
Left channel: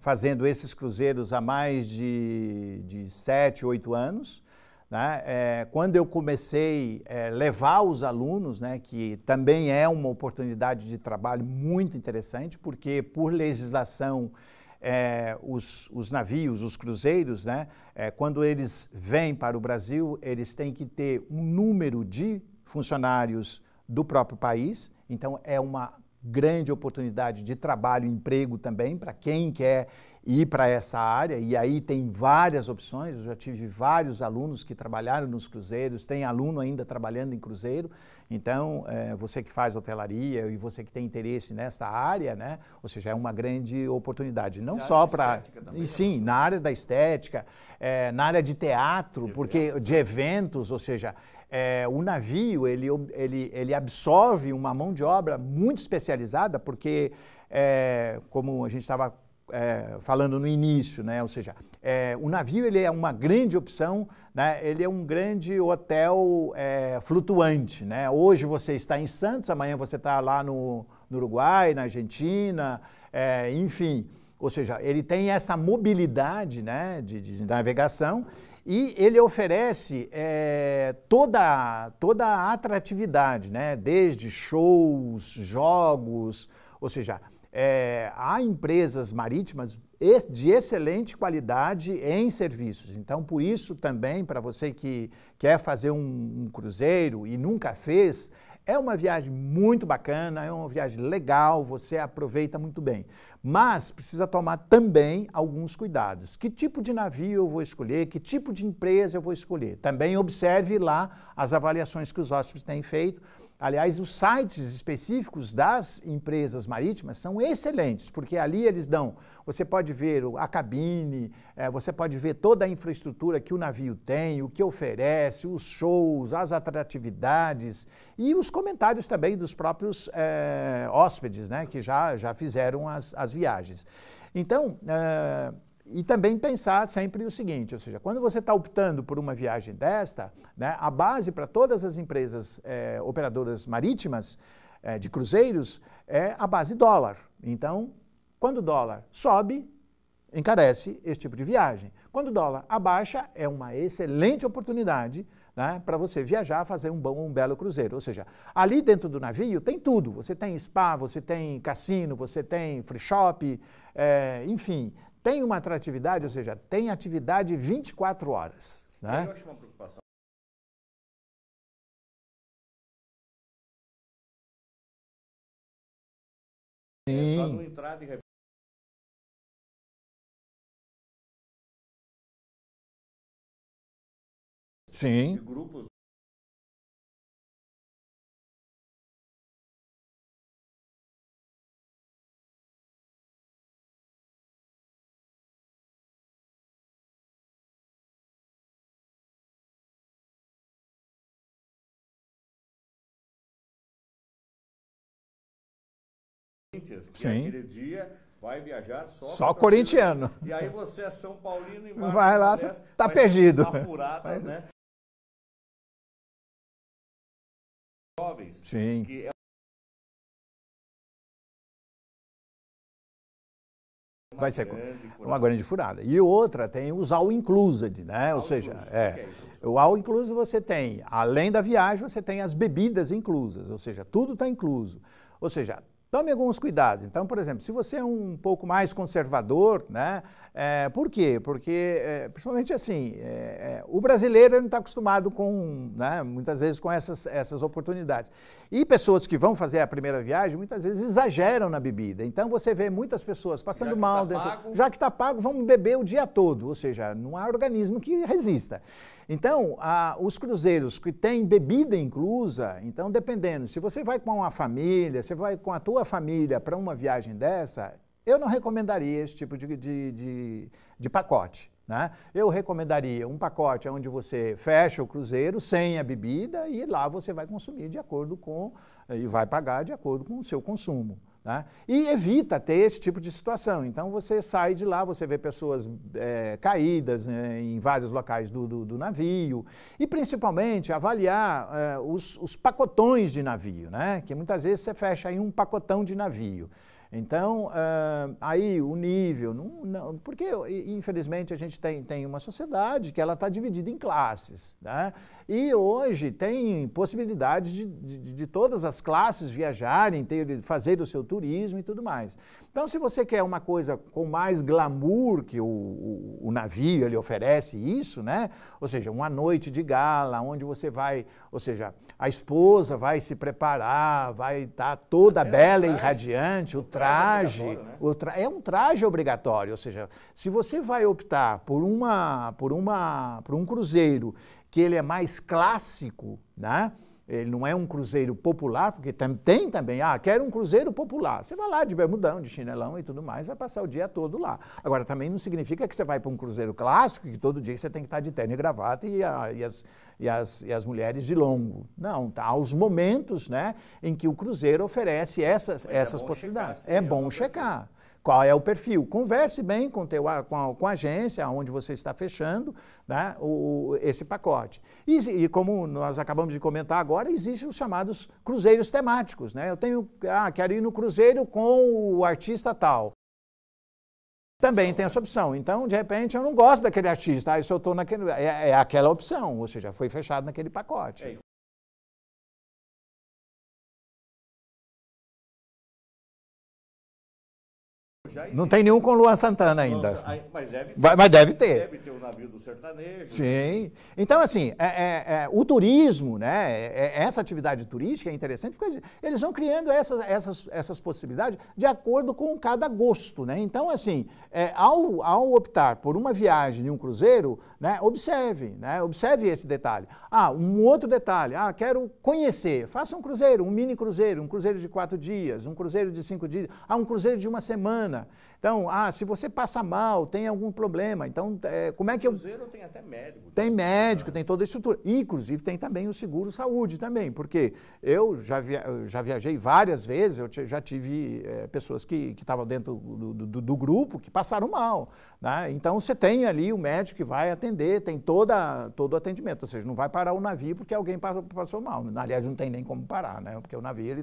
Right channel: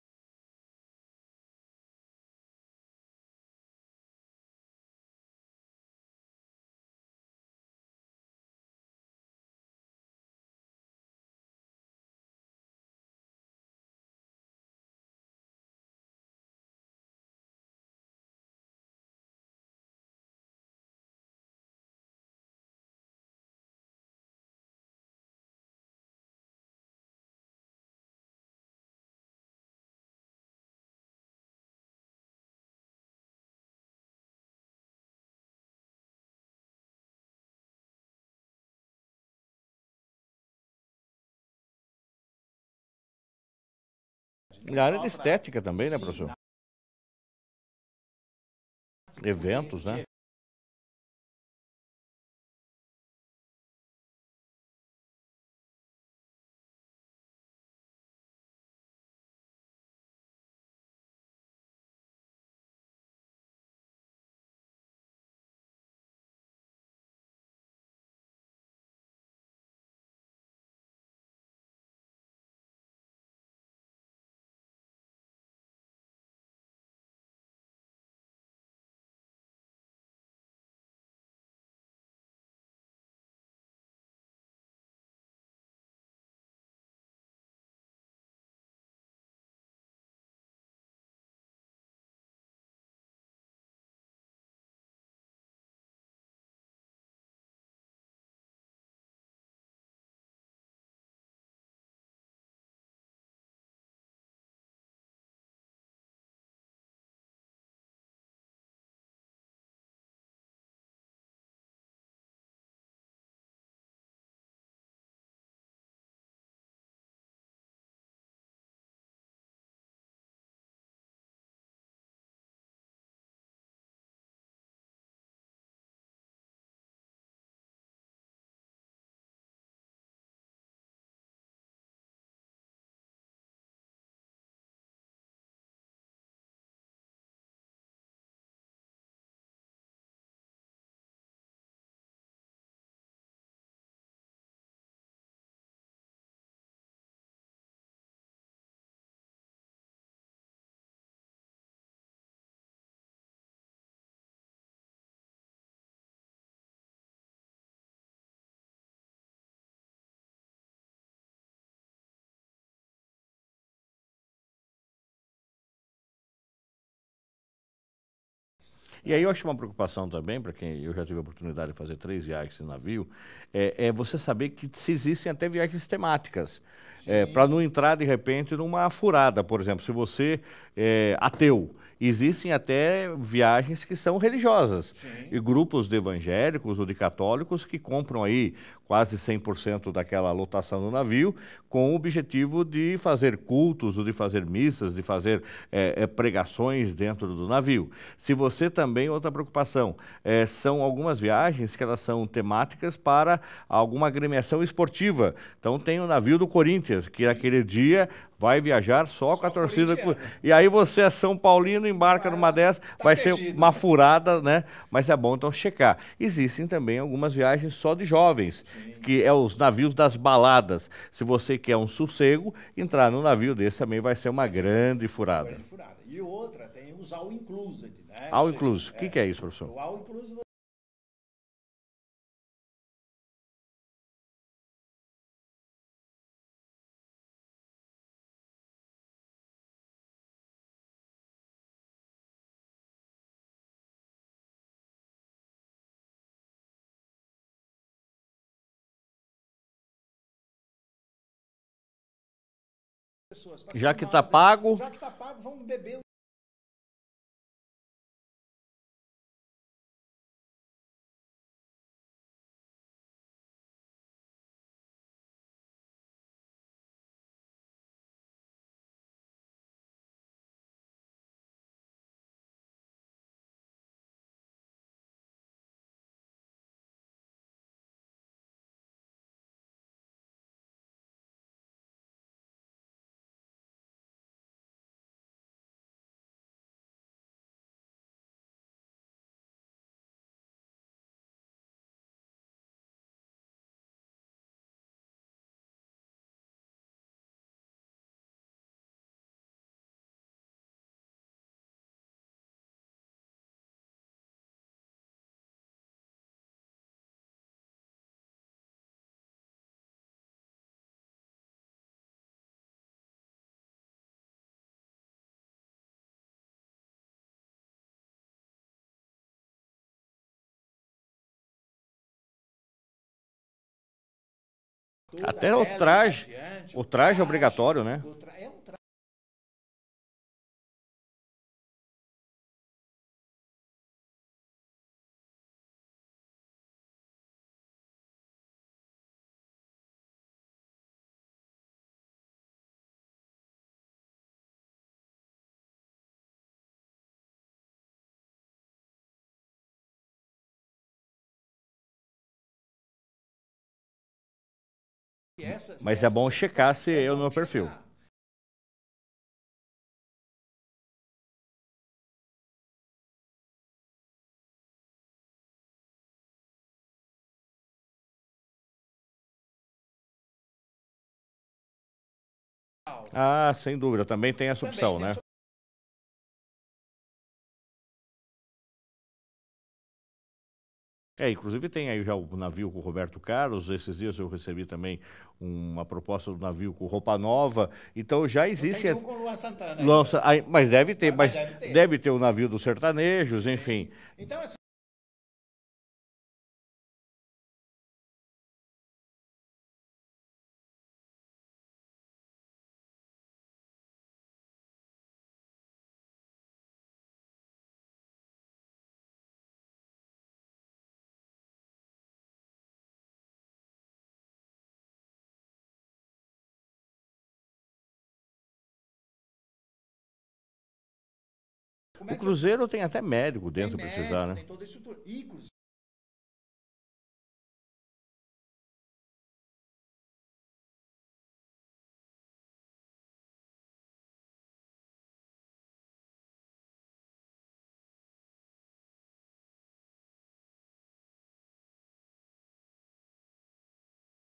fazendo esses cruzeiros há mais de 7, 8 anos. Né? Quando eu comecei a levar os alunos, né, que também é uma oportunidade de trabalho muito interessante, porque por legislação os navios, os cruzeiros, né, quando eles vêm para o Brasil, eles têm que ter um número de funcionários do próprio país, então é uma grande oportunidade de trabalho e emprego também para quem quer ir para essa área, e aí tem várias opções. Eu já tive vários alunos que trabalharam nos cruzeiros, tem aluno ainda trabalhando em cruzeiro. Então, você que faz hotelaria e você que tem interesse nessa área, né? Ou seja, é uma grande oportunidade. Não só para estética também, né, sim, professor? na área da estética, na área de teatro, Eventos, de eventos, ou seja, o navio ele absorve uma mão de obra muito especializada, porque, como a gente estava falando no início, né? Ou seja, o navio ele é uma grande opção, né? Ele é um grande hotel flutuante, né? Hoje você está em Santos, amanhã você está lá no Uruguai, na Argentina, enfim. Ou seja, ele tem essa mobilidade, né, de navegação, e ele oferece toda a atratividade, né? Desde shows, jogos, ou seja, há empresas marítimas de excelente qualidade em serviços. Então, por isso também, para você que quer fazer um cruzeiro e nunca fez, é uma viagem muito bacana, é uma viagem legal, você aproveita muito bem. Mas precisa tomar também alguns cuidados. Que tipo de navio eu vou escolher? Que tipo de empresa eu vou escolher? Também observe lá as avaliações que os hóspedes têm feito. Aliás, os sites específicos das empresas marítimas são excelentes, porque ali eles dão, você pode ver a cabine, você pode ver toda a infraestrutura que o navio tem, o que oferece, os shows, as atratividades e os comentários também dos próprios hóspedes, né, que já fizeram as viagens. Então, e também pensar sempre o seguinte, ou seja, quando você está optando por uma viagem desta, né, a base para todas as empresas operadoras marítimas de cruzeiros é a base dólar. Então, quando o dólar sobe, encarece esse tipo de viagem. Quando o dólar abaixa, é uma excelente oportunidade, né, para você viajar, fazer um belo cruzeiro. Ou seja, ali dentro do navio tem tudo. Você tem spa, você tem cassino, você tem free shop, enfim, tem uma atratividade, ou seja, tem atividade 24 horas. E aí eu acho uma preocupação também, para quem eu já tive a oportunidade de fazer 3 viagens de navio, é você saber que se existem até viagens temáticas. Para não entrar, de repente, numa furada. Por exemplo, se você é ateu, existem até viagens que são religiosas. Sim. E grupos de evangélicos ou de católicos que compram aí quase 100% daquela lotação do navio com o objetivo de fazer cultos, ou de fazer missas, de fazer pregações dentro do navio. Se você também, outra preocupação, são algumas viagens que elas são temáticas para alguma agremiação esportiva. Então tem o navio do Corinthians, que aquele dia vai viajar só com a torcida. E aí você é São Paulino, embarca numa dessas, vai ser uma furada, né? Mas é bom então checar. Existem também algumas viagens só de jovens, que é os navios das baladas. Se você quer um sossego, entrar num navio desse também vai ser uma grande furada. Uma grande furada. E outra, tem os all-inclusive, né? All-inclusive, o que é isso, professor? O all-inclusive você tem, além da viagem, você tem as bebidas inclusas, ou seja, tudo está incluso. Ou seja, tome alguns cuidados. Então, por exemplo, se você é um pouco mais conservador, né? Por quê? Porque, principalmente assim, o brasileiro não está acostumado com, né, muitas vezes, com essas oportunidades. E pessoas que vão fazer a primeira viagem, muitas vezes exageram na bebida. Então, você vê muitas pessoas passando mal. Já que está pago. Já que está pago, vamos beber o dia todo. Ou seja, não há organismo que resista. Então, os cruzeiros que têm bebida inclusa, então, dependendo, se você vai com uma família, você vai com a tua família para uma viagem dessa, eu não recomendaria esse tipo de pacote, né? Eu recomendaria um pacote onde você fecha o cruzeiro sem a bebida e lá você vai consumir de acordo com, e vai pagar de acordo com o seu consumo. Né? E evita ter esse tipo de situação. Então, você sai de lá, você vê pessoas caídas, né, em vários locais do navio. E, principalmente, avaliar os pacotões de navio, né? Que muitas vezes você fecha aí um pacotão de navio. Então, aí o nível, porque infelizmente a gente tem uma sociedade que ela está dividida em classes, né? E hoje tem possibilidades de todas as classes viajarem, fazer o seu turismo e tudo mais. Então, se você quer uma coisa com mais glamour, que o navio ele oferece isso, né? Ou seja, uma noite de gala, onde você vai, ou seja, a esposa vai se preparar, vai estar toda Até bela o traje, e radiante. o traje é obrigatório, né? É um traje obrigatório, ou seja, se você vai optar por um cruzeiro que ele é mais clássico, né? Ele não é um cruzeiro popular, porque tem também, quero um cruzeiro popular. Você vai lá de bermudão, de chinelão e tudo mais, vai passar o dia todo lá. Agora, também não significa que você vai para um cruzeiro clássico, que todo dia você tem que estar de terno e gravata e as mulheres de longo. Não, tá, há os momentos, né, em que o cruzeiro oferece essas Mas é bom checar se é bom perfil. Qual é o perfil? Converse bem com a agência onde você está fechando, né, esse pacote. E como nós acabamos de comentar agora, existem os chamados cruzeiros temáticos. Né? Eu quero ir no cruzeiro com o artista tal. Sem dúvida, também tem essa opção. Também tem essa opção. Então, de repente, eu não gosto daquele artista, se eu estou naquele... É aquela opção, ou seja, foi fechado naquele pacote. Inclusive tem aí já o navio com o Roberto Carlos, esses dias eu recebi também uma proposta do navio com roupa nova, então já existe... Não tem nenhum com Luan Santana ainda. Mas deve ter. Mas deve ter. Deve ter o navio dos sertanejos, sim. Enfim. Então, assim, o turismo, né, essa atividade turística é interessante, porque eles vão criando essas possibilidades de acordo com cada gosto, né? Então, assim, ao optar por uma viagem em um cruzeiro, né, observe esse detalhe. Um outro detalhe, quero conhecer, faça um cruzeiro, um mini cruzeiro, um cruzeiro de 4 dias, um cruzeiro de 5 dias, um cruzeiro de 1 semana. Então, se você passa mal, tem algum problema, então, como é que... O cruzeiro tem até médico dentro. Tem médico, né? tem toda a estrutura. E, inclusive, tem também o seguro saúde também, porque eu já viajei várias vezes, eu já tive pessoas que estavam dentro do grupo que passaram mal, né? Então, você tem ali o médico que vai atender, tem todo o atendimento, ou seja, não vai parar o navio porque alguém passou mal. Aliás, não tem nem como parar, né? Porque o navio,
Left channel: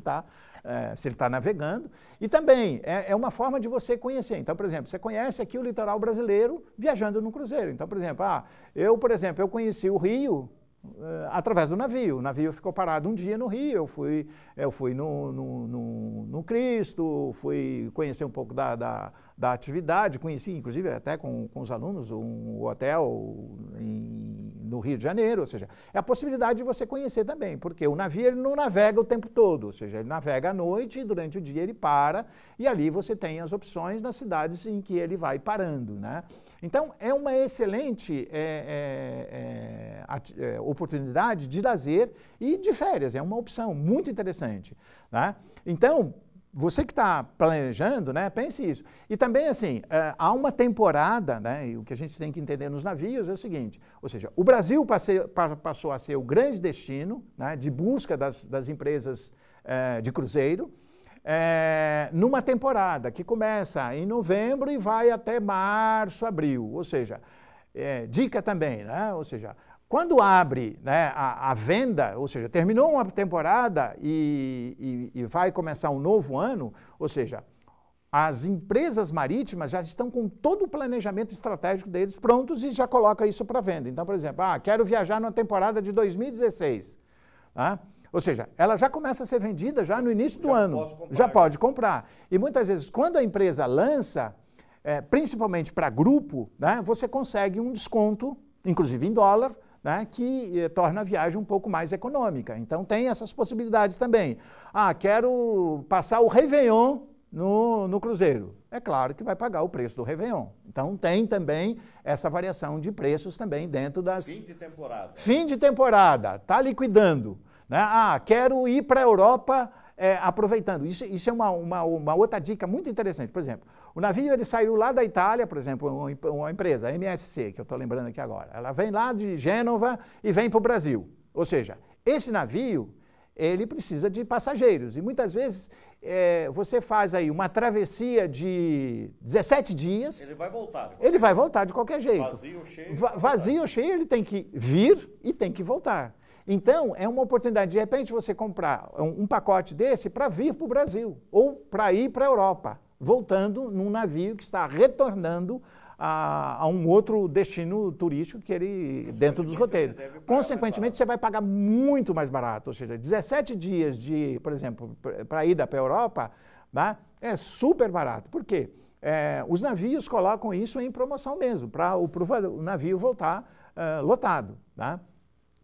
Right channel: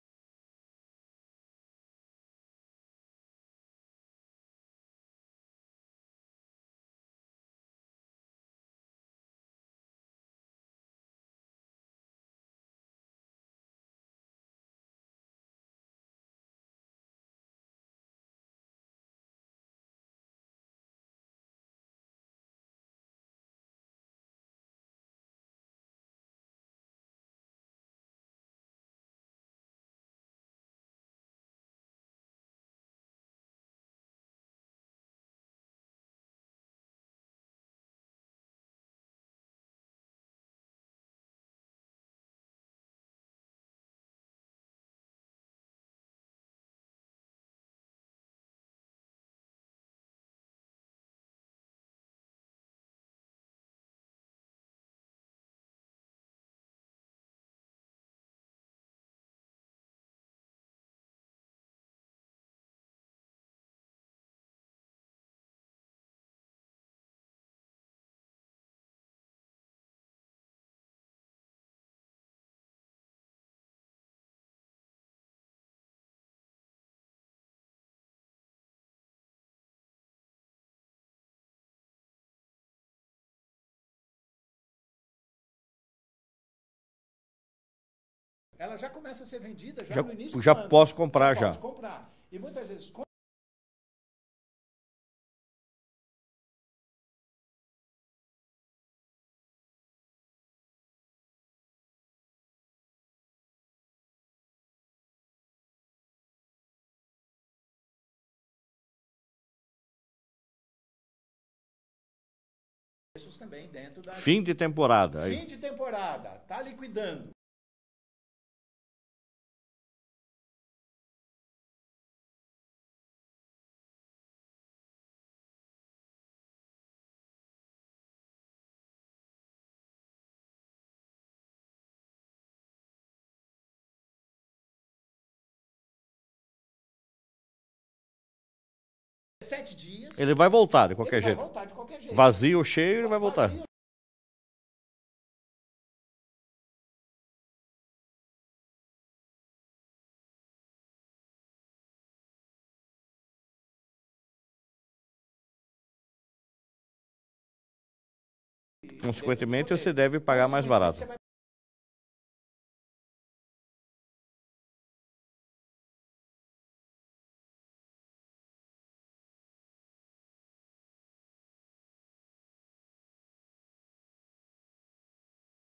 se ele está navegando. E também é uma forma de você conhecer. Então, por exemplo, você conhece aqui o litoral brasileiro viajando no cruzeiro. Então, por exemplo, eu conheci o Rio através do navio. O navio ficou parado um dia no Rio, eu fui no Cristo, fui conhecer um pouco da atividade, conheci inclusive até com os alunos um hotel no Rio de Janeiro, ou seja, é a possibilidade de você conhecer também, porque o navio ele não navega o tempo todo, ou seja, ele navega à noite e durante o dia ele para, e ali você tem as opções nas cidades em que ele vai parando, né? Então, é uma excelente oportunidade de lazer e de férias, é uma opção muito interessante, né? Então, você que está planejando, né, pense isso. E também, assim, há uma temporada, né, e o que a gente tem que entender nos navios é o seguinte, ou seja, o Brasil passou a ser o grande destino, né, de busca das empresas de cruzeiro, numa temporada que começa em novembro e vai até março, abril. Ou seja, dica também, né, ou seja, quando abre, né, a venda, ou seja, terminou uma temporada e vai começar um novo ano, ou seja, as empresas marítimas já estão com todo o planejamento estratégico deles prontos e já coloca isso para venda. Então, por exemplo, quero viajar na temporada de 2016. Tá? Ou seja, ela já começa a ser vendida já no início do ano. Já posso comprar. Já pode comprar. E muitas vezes, quando a empresa lança, principalmente para grupo, né, você consegue um desconto, inclusive em dólar, né, que torna a viagem um pouco mais econômica. Então, tem essas possibilidades também. Quero passar o Réveillon no cruzeiro. É claro que vai pagar o preço do Réveillon. Então, tem também essa variação de preços também dentro das... Fim de temporada. Fim de temporada, está liquidando. Né? Quero ir para a Europa aproveitando. Isso é uma outra dica muito interessante. Por exemplo, o navio ele saiu lá da Itália, por exemplo, uma empresa, a MSC, que eu estou lembrando aqui agora. Ela vem lá de Gênova e vem para o Brasil. Ou seja, esse navio, ele precisa de passageiros. E muitas vezes você faz aí uma travessia de 17 dias. Ele vai voltar de qualquer jeito. Ele vai voltar de qualquer jeito. Vazio ou cheio, ele vai voltar. Vazio ou cheio, ele tem que vir e tem que voltar. Então, é uma oportunidade, de repente, você comprar um pacote desse para vir para o Brasil ou para ir para a Europa, voltando num navio que está retornando a um outro destino turístico que ele dentro dos roteiros. Você deve pagar mais barato. Consequentemente, você vai pagar muito mais barato. Ou seja, 17 dias, por exemplo, para a ida para a Europa, Tá? É super barato. Por quê? Os navios colocam isso em promoção mesmo, para o navio voltar lotado. Tá?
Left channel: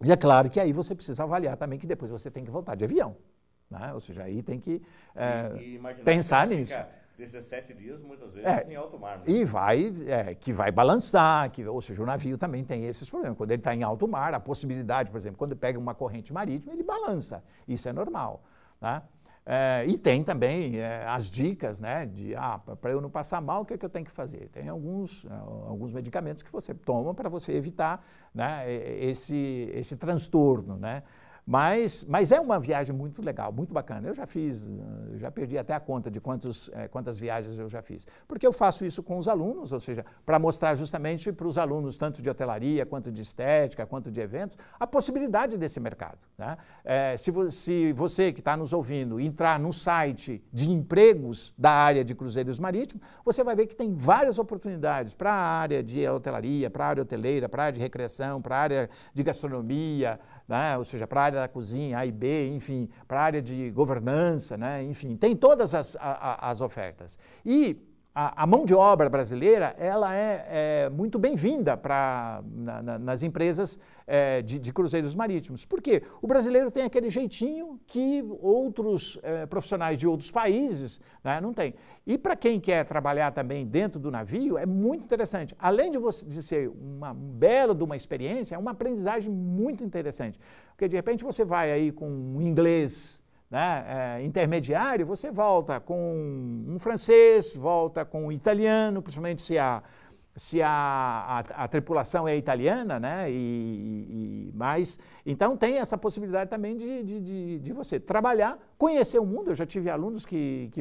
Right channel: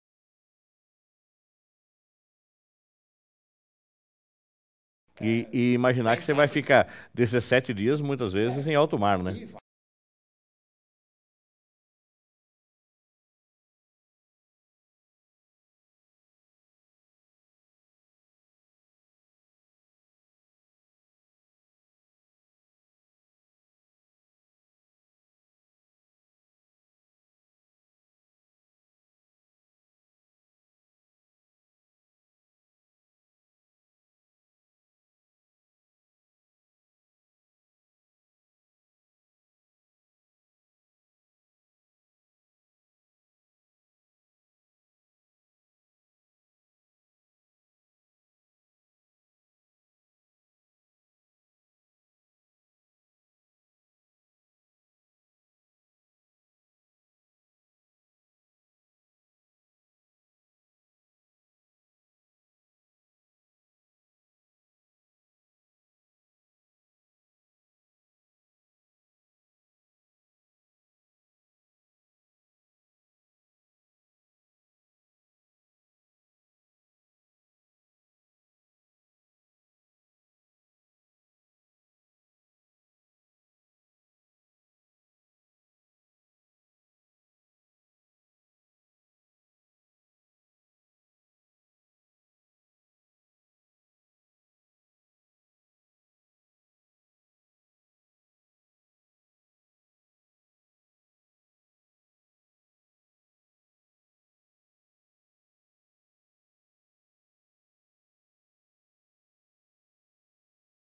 E é claro que aí você precisa avaliar também que depois você tem que voltar de avião. Né? Ou seja, aí tem que e imaginar que você vai ficar 17 dias, muitas vezes, em alto mar, né? E que vai balançar, ou seja, o navio também tem esses problemas. Quando ele está em alto mar, a possibilidade, por exemplo, quando pega uma corrente marítima, ele balança. Isso é normal. Tá? E tem também as dicas, né, de para eu não passar mal, o que é que eu tenho que fazer? Tem alguns medicamentos que você toma para você evitar, né, esse transtorno, né? Mas é uma viagem muito legal, muito bacana. Eu já perdi até a conta de quantas viagens eu já fiz. Porque eu faço isso com os alunos, ou seja, para mostrar justamente para os alunos, tanto de hotelaria, quanto de estética, quanto de eventos, a possibilidade desse mercado. Né? Se você que está nos ouvindo entrar no site de empregos da área de cruzeiros marítimos, você vai ver que tem várias oportunidades para a área de hotelaria, para a área hoteleira, para a área de recreação, para a área de gastronomia, né? Ou seja, para a área da cozinha, A e B, enfim, para a área de governança, né? Enfim, tem todas as ofertas. E a mão de obra brasileira, ela é muito bem-vinda nas empresas de cruzeiros marítimos. Por quê? O brasileiro tem aquele jeitinho que outros profissionais de outros países, né, não têm. E para quem quer trabalhar também dentro do navio, é muito interessante. Além de ser uma bela de uma experiência, é uma aprendizagem muito interessante. Porque, de repente, você vai aí com um inglês, né, intermediário, você volta com um francês, volta com um italiano, principalmente se a tripulação é italiana, né, mas então tem essa possibilidade também de você trabalhar, conhecer o mundo. Eu já tive alunos que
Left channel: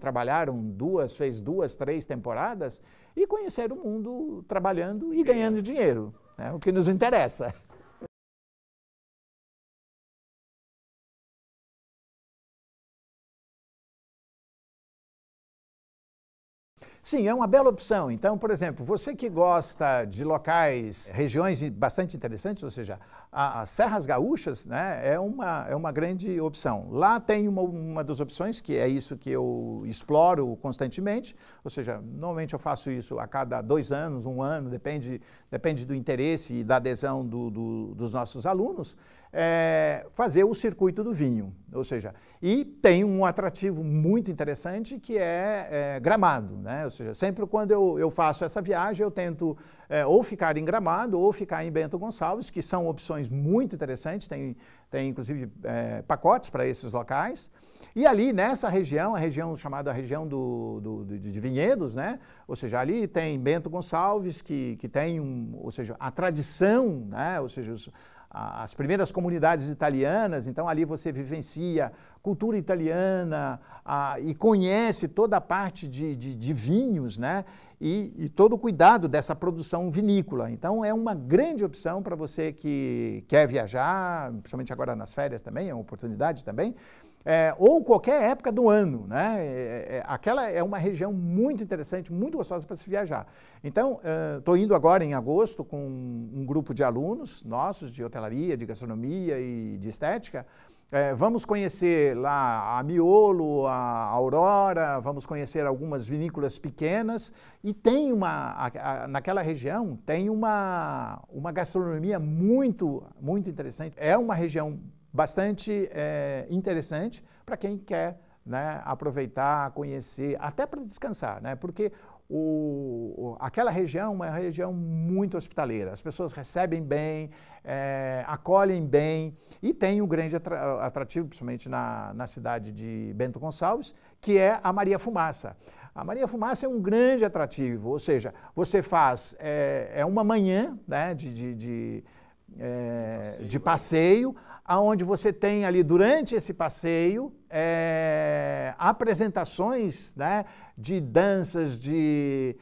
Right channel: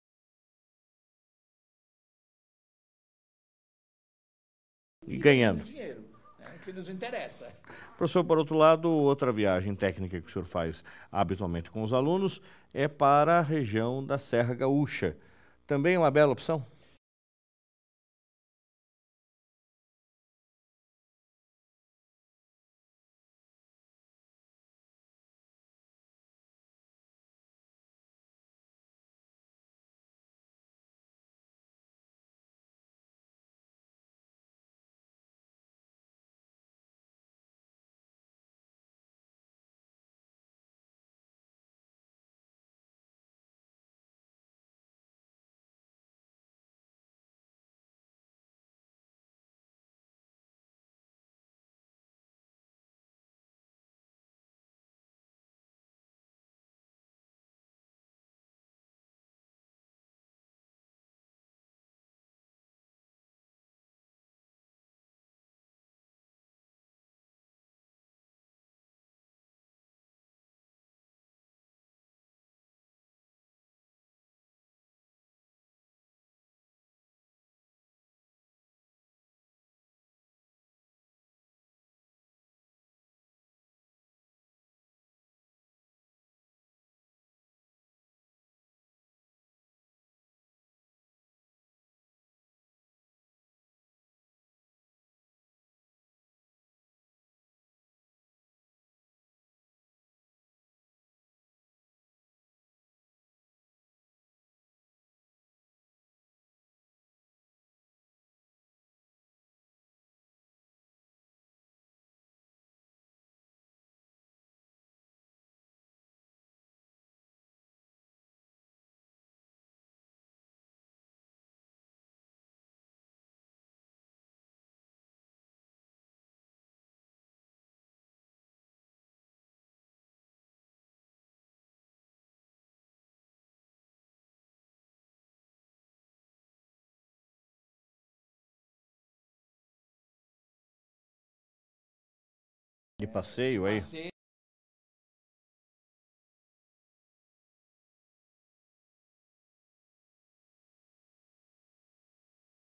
trabalharam fez 2, 3 temporadas e conheceram o mundo trabalhando e ganhando dinheiro. O que nos interessa. Professor, por outro lado, outra viagem técnica que o senhor faz habitualmente com os alunos é para a região da Serra Gaúcha. Também é uma bela opção? Sim, é uma bela opção. Então, por exemplo, você que gosta de locais, regiões bastante interessantes, ou seja, as Serras Gaúchas, né, é uma grande opção. Lá tem uma das opções, que é isso que eu exploro constantemente, ou seja, normalmente eu faço isso a cada 2 anos, 1 ano, depende do interesse e da adesão dos nossos alunos, fazer o circuito do vinho, ou seja, e tem um atrativo muito interessante que é Gramado, né? Ou seja, sempre quando eu faço essa viagem eu tento ou ficar em Gramado ou ficar em Bento Gonçalves, que são opções muito interessantes, tem inclusive pacotes para esses locais, e ali nessa região, a região chamada região de vinhedos, né? Ou seja, ali tem Bento Gonçalves, que tem ou seja, a tradição, né? Ou seja, as primeiras comunidades italianas, então ali você vivencia cultura italiana e conhece toda a parte de vinhos, né? E todo o cuidado dessa produção vinícola. Então é uma grande opção para você que quer viajar, principalmente agora nas férias também, é uma oportunidade também, ou qualquer época do ano, né? Aquela é uma região muito interessante, muito gostosa para se viajar. Então, estou indo agora em agosto com um grupo de alunos nossos de hotelaria, de gastronomia e de estética. Vamos conhecer lá a Miolo, a Aurora, vamos conhecer algumas vinícolas pequenas e tem naquela região tem uma gastronomia muito, muito interessante. É uma região bastante interessante para quem quer, né, aproveitar, conhecer, até para descansar, né, porque aquela região é uma região muito hospitaleira, as pessoas recebem bem, acolhem bem e tem um grande atrativo, principalmente na cidade de Bento Gonçalves, que é a Maria Fumaça. A Maria Fumaça é um grande atrativo, ou seja, você faz uma manhã, né, de passeio, onde você tem ali, durante esse passeio, apresentações, né, de danças, de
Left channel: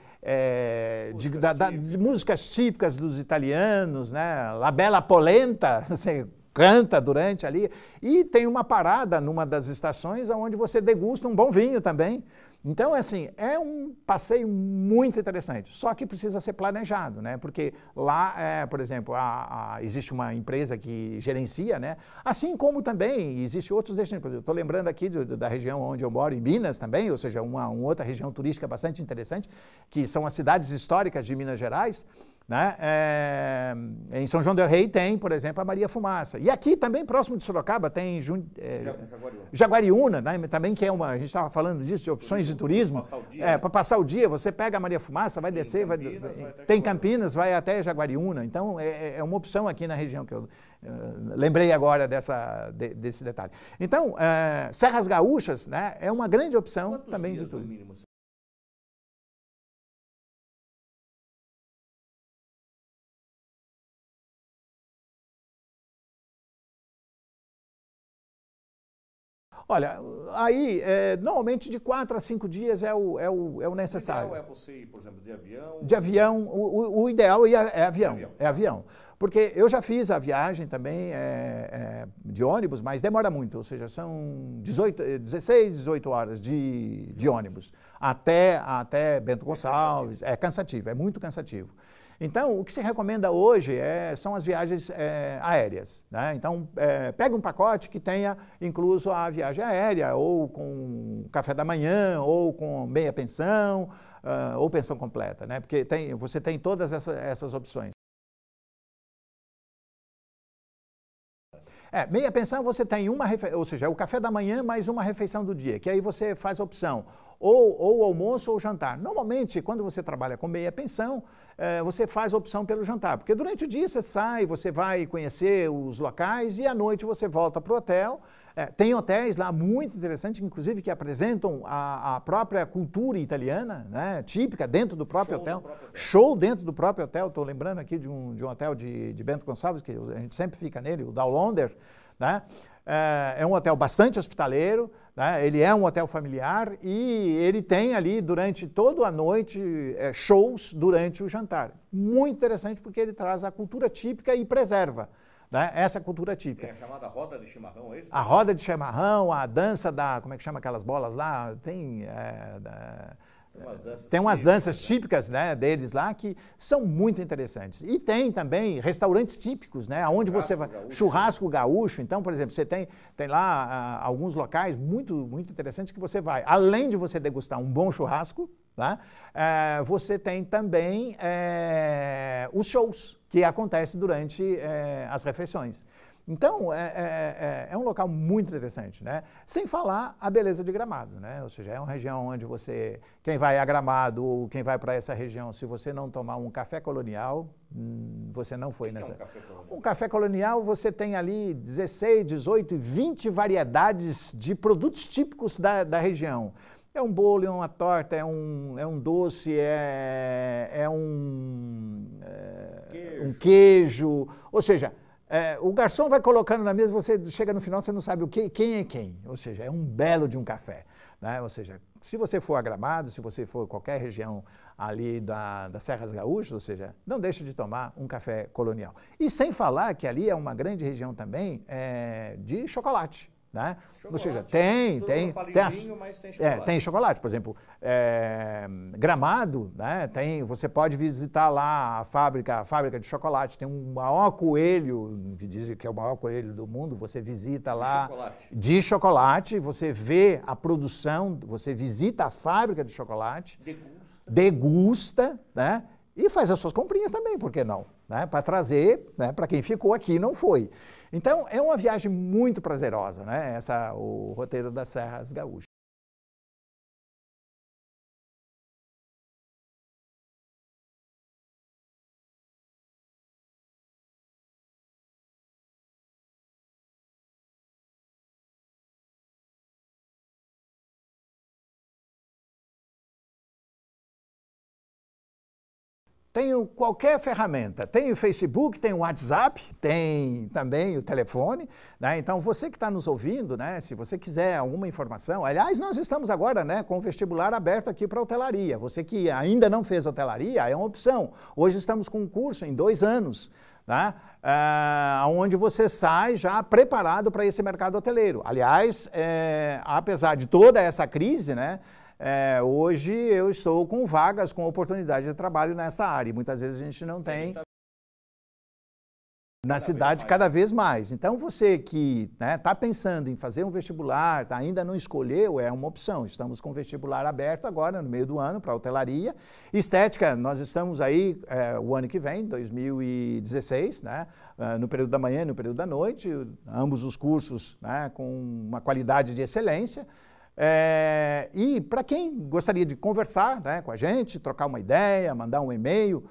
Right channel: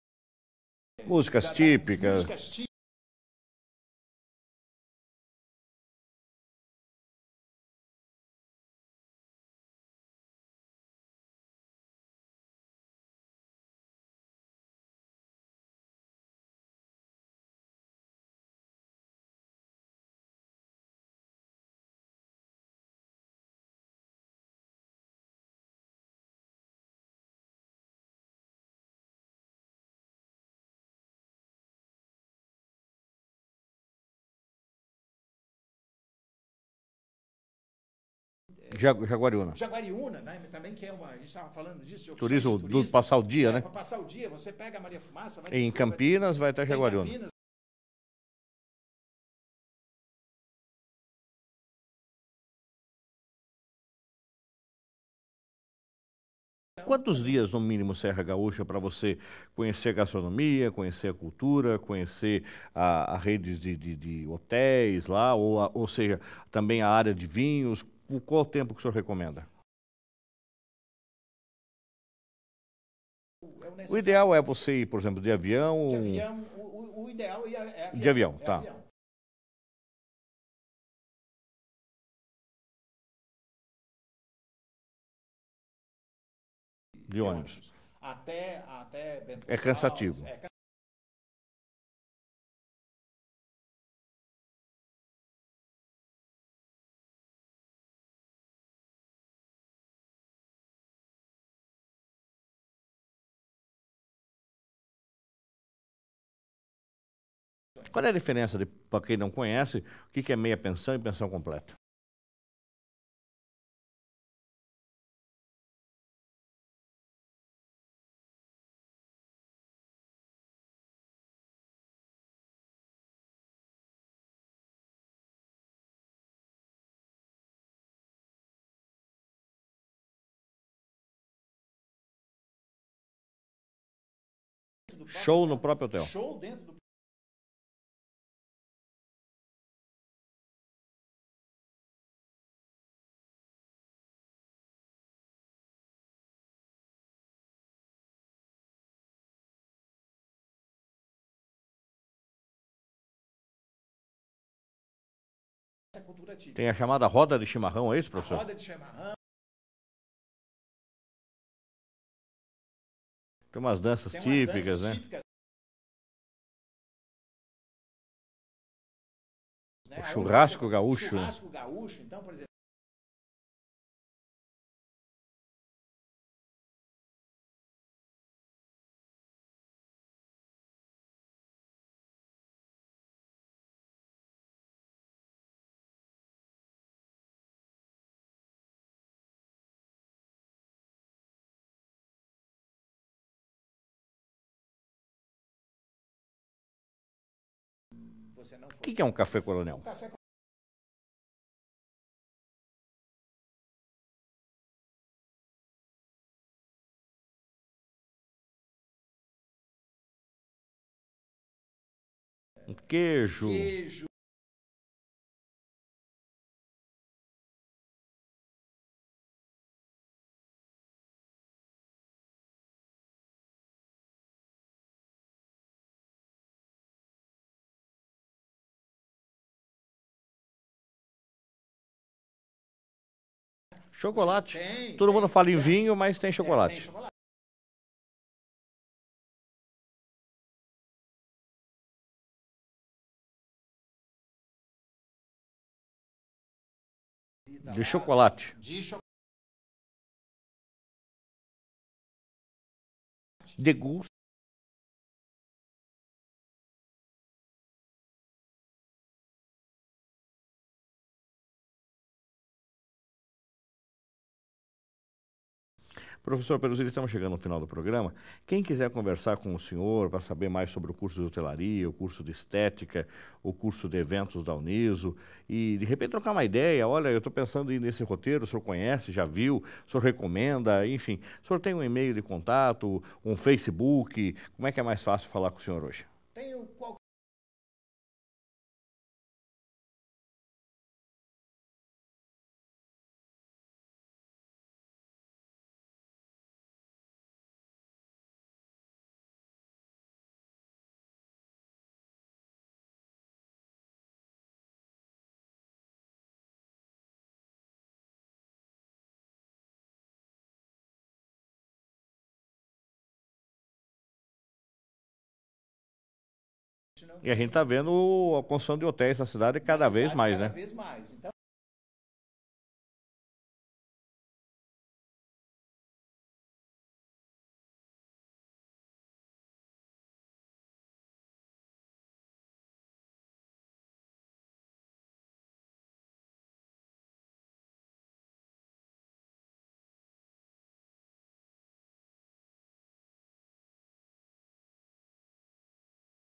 músicas típicas dos italianos, né, La Bella Polenta, você canta durante ali, e tem uma parada numa das estações onde você degusta um bom vinho também. Então, assim, é um passeio muito interessante, só que precisa ser planejado, né? Porque lá, por exemplo, existe uma empresa que gerencia, né? Assim como também existe outros destinos. Eu estou lembrando aqui da região onde eu moro, em Minas também, ou seja, uma outra região turística bastante interessante, que são as cidades históricas de Minas Gerais, né? Em São João del Rei tem, por exemplo, a Maria Fumaça. E aqui também, próximo de Sorocaba, tem Jaguariúna. Jaguariúna, né? Também que é uma... A gente estava falando disso, de opções de turismo. Para passar o dia, né? Para passar o dia, você pega a Maria Fumaça, vai descer... Em Campinas vai até Jaguariúna. Tem Campinas, vai até Jaguariúna. Então, é uma opção aqui na região que eu lembrei agora desse detalhe. Então, Serras Gaúchas, né, é uma grande opção. Quantos dias, no mínimo, Serra Gaúcha, para você conhecer a gastronomia, conhecer a cultura, conhecer a rede de hotéis lá, ou seja, também a área de vinhos? Qual o tempo que o senhor recomenda? Olha, aí, normalmente de 4 a 5 dias é o necessário. O ideal é você ir, por exemplo, de avião? De avião, o ideal é avião. De avião, é avião. Porque eu já fiz a viagem também de ônibus, mas demora muito, ou seja, são 16, 18 horas de ônibus. Até Bento Gonçalves. É cansativo. É cansativo, é muito cansativo. Então, o que se recomenda hoje são as viagens aéreas, né? Então, pega um pacote que tenha incluso a viagem aérea, ou com café da manhã, ou com meia pensão, ou pensão completa, né? Porque você tem todas essas opções. Qual é a diferença, para quem não conhece, o que é meia pensão e pensão completa? Meia pensão você tem ou seja, é o café da manhã mais uma refeição do dia, que aí você faz a opção ou almoço ou jantar. Normalmente, quando você trabalha com meia pensão, você faz a opção pelo jantar, porque durante o dia você sai, você vai conhecer os locais e à noite você volta para o hotel. Tem hotéis lá muito interessantes, inclusive que apresentam a própria cultura italiana, né, típica dentro do próprio hotel. Show no próprio hotel. Show dentro do próprio hotel. Estou lembrando aqui de um hotel de Bento Gonçalves, que a gente sempre fica nele, o Dowlander, né? É um hotel bastante hospitaleiro, né? Ele é um hotel familiar e ele tem ali durante toda a noite shows durante o jantar. Muito interessante porque ele traz a cultura típica e preserva, né, essa cultura típica. Tem a chamada roda de chimarrão, é isso, professor? A roda de chimarrão, a dança como é que chama aquelas bolas lá? Tem umas danças típicas. Tem umas danças típicas, né, deles lá que são muito interessantes. E tem também restaurantes típicos, né? Churrasco gaúcho. Churrasco gaúcho. Então, por exemplo, você tem lá alguns locais muito, muito interessantes que você vai. Além de você degustar um bom churrasco, tá? Você tem também os shows que acontecem durante as refeições. Então, é um local muito interessante, né? Sem falar a beleza de Gramado, né? Ou seja, é uma região onde quem vai a Gramado ou quem vai para essa região, se você não tomar um café colonial, você não foi. O que é um café colonial? Um café colonial, você tem ali 16, 18, 20 variedades de produtos típicos da região. É um bolo, é uma torta, é um doce, é um queijo. Ou seja, o garçom vai colocando na mesa, você chega no final, você não sabe quem é quem. Ou seja, é um belo de um café, né? Ou seja, se você for a Gramado, se você for qualquer região ali das Serras Gaúchas, ou seja, não deixe de tomar um café colonial. E sem falar que ali é uma grande região também de chocolate. Né? Chocolate? Tem. Todo mundo fala em vinho, mas tem chocolate. Tem chocolate. Por exemplo, Gramado, né? Você pode visitar lá a fábrica de chocolate. Tem um maior coelho, que dizem que é o maior coelho do mundo, você visita lá. De chocolate. De chocolate, você vê a produção, você visita a fábrica de chocolate. Degusta, né? E faz as suas comprinhas também, por que não? Né? Para trazer, né? Para quem ficou aqui e não foi. Então, é uma viagem muito prazerosa, né? O roteiro das Serras Gaúchas. Professor Peruzzi, estamos chegando no final do programa. Quem quiser conversar com o senhor para saber mais sobre o curso de hotelaria, o curso de estética, o curso de eventos da Uniso e, de repente, trocar uma ideia, olha, eu estou pensando em ir nesse roteiro, o senhor conhece, já viu, o senhor recomenda, enfim. O senhor tem um e-mail de contato, um Facebook, como é que é mais fácil falar com o senhor hoje? Tenho qualquer ferramenta, tem o Facebook, tem o WhatsApp, tem também o telefone, né? Então você que está nos ouvindo, né? Se você quiser alguma informação, aliás, nós estamos agora, né, com o vestibular aberto aqui para hotelaria. Você que ainda não fez hotelaria, é uma opção. Hoje estamos com um curso em 2 anos, né? Onde você sai já preparado para esse mercado hoteleiro. Aliás, apesar de toda essa crise, né? hoje eu estou com vagas, com oportunidade de trabalho nessa área. E muitas vezes a gente não tem. E a gente está vendo a construção de hotéis na cidade cada vez mais. Cada vez mais. Então, você que está pensando em fazer um vestibular, ainda não escolheu, é uma opção. Estamos com o vestibular aberto agora, no meio do ano, para hotelaria. Estética, nós estamos aí o ano que vem, 2016, no período da manhã e no período da noite, ambos os cursos com uma qualidade de excelência. E para quem gostaria de conversar com a gente, trocar uma ideia, mandar um e-mail,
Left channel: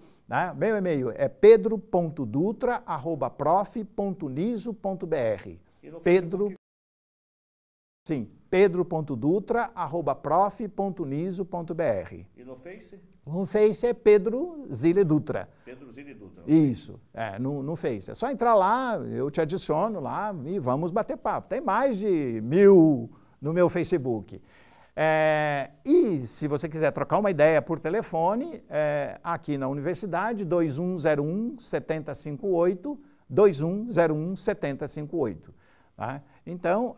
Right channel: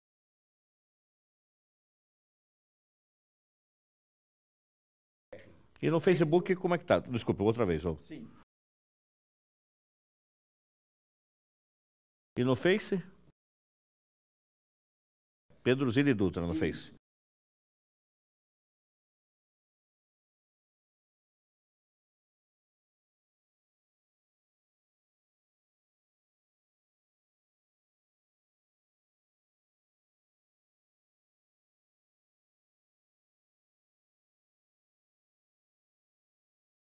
meu e-mail é pedro.dutra@prof.uniso.br. E no Facebook, como é que tá? Desculpa, outra vez. Sim, pedro.dutra@prof.uniso.br. E no Face? No Face é Pedro Zile Dutra. Pedro Zile Dutra, no Face. Isso, no Face. É só entrar lá, eu te adiciono lá e vamos bater papo. Tem mais de 1000 no meu Facebook. E se você quiser trocar uma ideia por telefone, aqui na universidade, 2101-7058, 2101-7058. Tá? Então,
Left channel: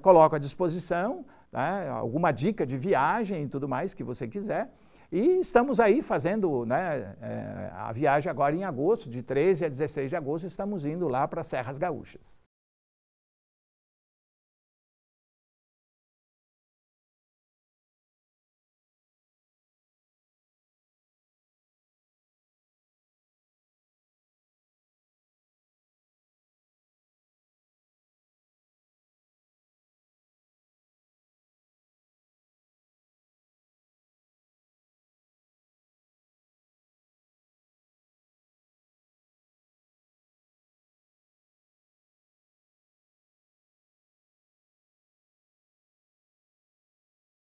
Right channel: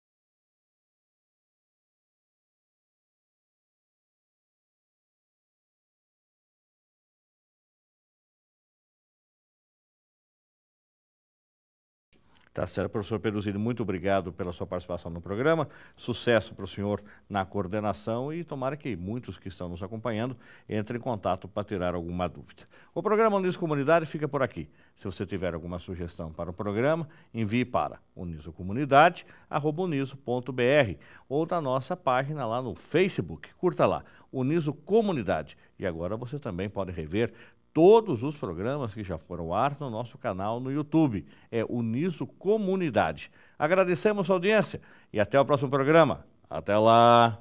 coloco à disposição alguma dica de viagem e tudo mais que você quiser. E estamos aí fazendo a viagem agora em agosto, de 13 a 16 de agosto, estamos indo lá para as Serras Gaúchas. Tá certo, professor Pedro Zile, muito obrigado pela sua participação no programa, sucesso para o senhor na coordenação e tomara que muitos que estão nos acompanhando entrem em contato para tirar alguma dúvida. O programa Uniso Comunidade fica por aqui. Se você tiver alguma sugestão para o programa, envie para unisocomunidade@uniso.br ou na nossa página lá no Facebook. Curta lá, Uniso Comunidade. E agora você também pode rever todos os programas que já foram ao ar no nosso canal no YouTube. É Uniso Comunidade. Agradecemos a audiência e até o próximo programa. Até lá!